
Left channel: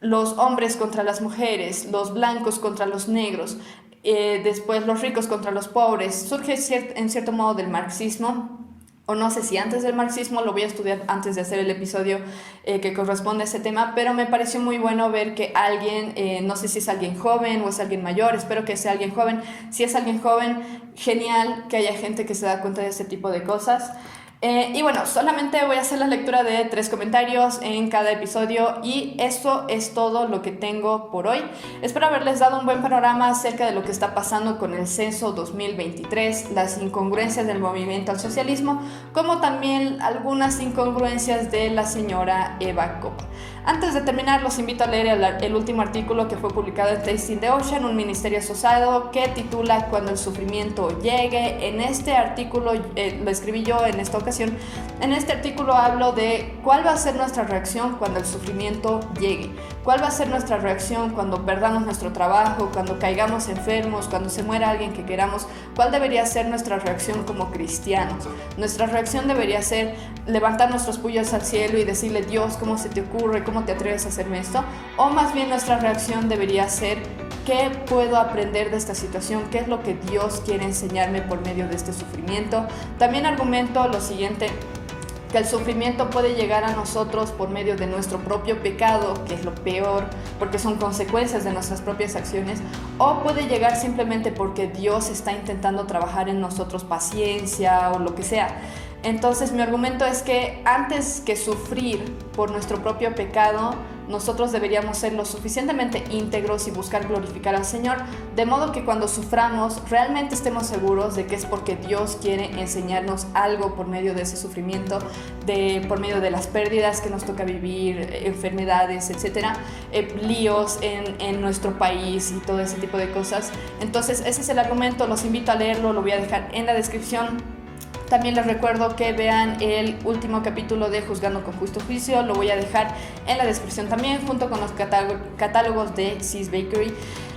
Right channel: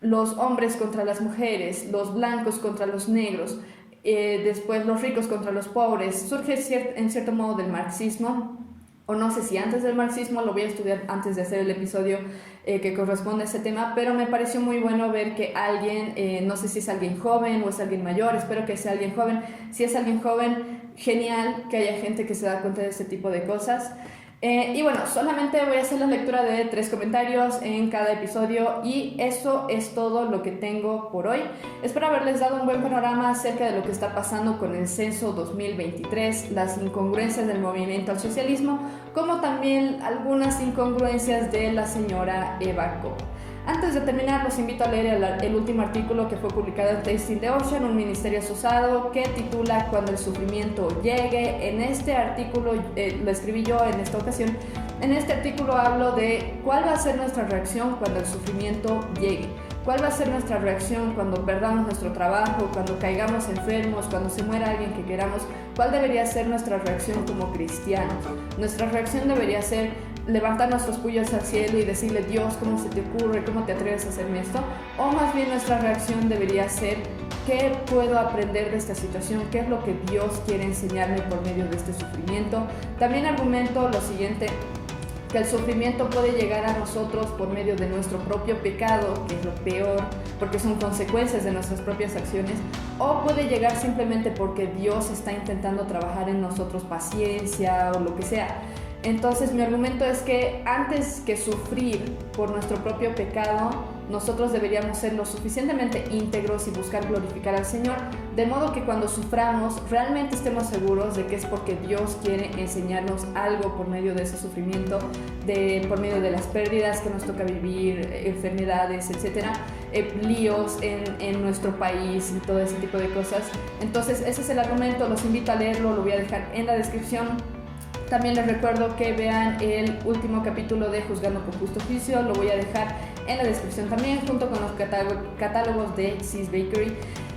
los hombres contra las mujeres, los blancos contra los negros, después los ricos contra los pobres. Surge en cierto modo del marxismo, o no sé si antes del marxismo, lo voy a estudiar antes de hacer el episodio que corresponde a ese tema, pero me pareció muy bueno ver que alguien, no sé si es alguien joven o es alguien mayor, espero que sea alguien joven. Si es alguien joven, genial que haya gente que se da cuenta de este tipo de cosas. Y bueno, solamente voy a hacer la lectura de 3 comentarios en cada episodio y eso es todo lo que tengo por hoy. Espero haberles dado un buen panorama acerca de lo que está pasando con el censo 2023, las incongruencias del movimiento al socialismo, como también algunas incongruencias de la señora Eva Copa. Antes de terminar, los invito a leer el último artículo que fue publicado en Tasting the Ocean, un ministerio asociado, que titula Cuando el sufrimiento llegue. En este artículo, lo escribí yo en esta ocasión, en este artículo hablo de cuál va a ser nuestra reacción cuando el sufrimiento llegue. ¿Cuál va a ser nuestra reacción cuando perdamos nuestro trabajo, cuando caigamos enfermos, cuando se muera alguien que queramos? ¿Cuál debería ser nuestra reacción como cristianos? Nuestra reacción debería ser levantar nuestros puños al cielo y decirle: Dios, ¿cómo se te ocurre? ¿Cómo te atreves a hacerme esto? O más bien nuestra reacción debería ser: ¿qué puedo aprender de esta situación? ¿Qué es lo que Dios quiere enseñarme por medio de este sufrimiento? También argumento lo siguiente: que el sufrimiento puede llegar a nosotros por medio de nuestro propio pecado, que es lo peor, porque son consecuencias de nuestras propias acciones, o puede llegar simplemente porque Dios está intentando trabajar en nosotros paciencia o lo que sea. Entonces mi argumento es que antes que sufrir por nuestro propio pecado, nosotros deberíamos ser lo suficientemente íntegros y buscar glorificar al Señor, de modo que cuando suframos realmente estemos seguros de que es porque Dios quiere enseñarnos algo por medio de ese sufrimiento, por medio de las pérdidas que nos toca vivir, enfermedades, etcétera, líos en nuestro país y todo ese tipo de cosas. Entonces ese es el argumento, los invito a leerlo, lo voy a dejar en la descripción. También les recuerdo que vean el último capítulo de Juzgando con Justo Juicio, lo voy a dejar en la descripción también, junto con los catálogos de Sis Bakery.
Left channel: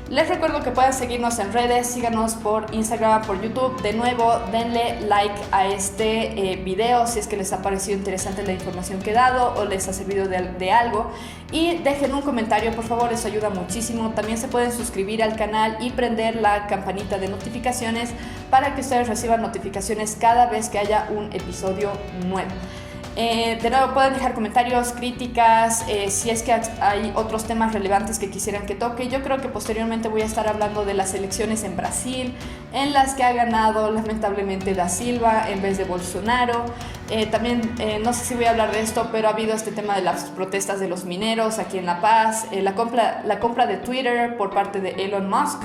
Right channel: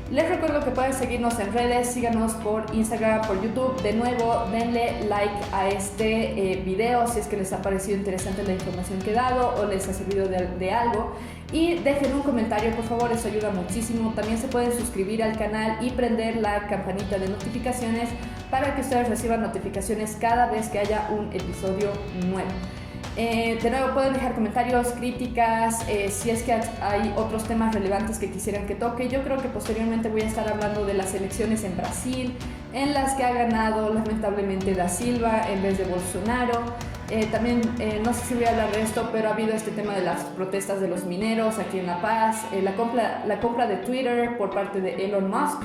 Les recuerdo que puedan seguirnos en redes, síganos por Instagram, por YouTube. De nuevo, denle like a este video si es que les ha parecido interesante la información que he dado o les ha servido de algo. Y dejen un comentario, por favor, eso ayuda muchísimo. También se pueden suscribir al canal y prender la campanita de notificaciones para que ustedes reciban notificaciones cada vez que haya un episodio nuevo. De nuevo, pueden dejar comentarios, críticas, si es que hay otros temas relevantes que quisieran que toque. Yo creo que posteriormente voy a estar hablando de las elecciones en Brasil, en las que ha ganado lamentablemente Da Silva en vez de Bolsonaro. También, no sé si voy a hablar de esto, pero ha habido este tema de las protestas de los mineros aquí en La Paz, la compra de Twitter por parte de Elon Musk.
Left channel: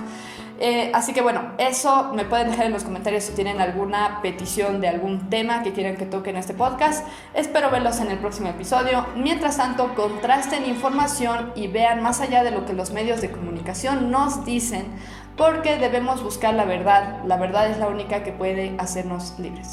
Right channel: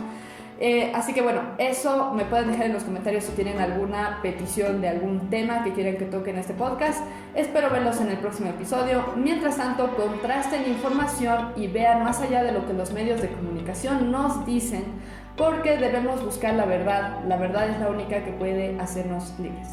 Así que bueno, eso me pueden dejar en los comentarios si tienen alguna petición de algún tema que quieran que toque en este podcast. Espero verlos en el próximo episodio. Mientras tanto, contrasten información y vean más allá de lo que los medios de comunicación nos dicen, porque debemos buscar la verdad. La verdad es la única que puede hacernos libres.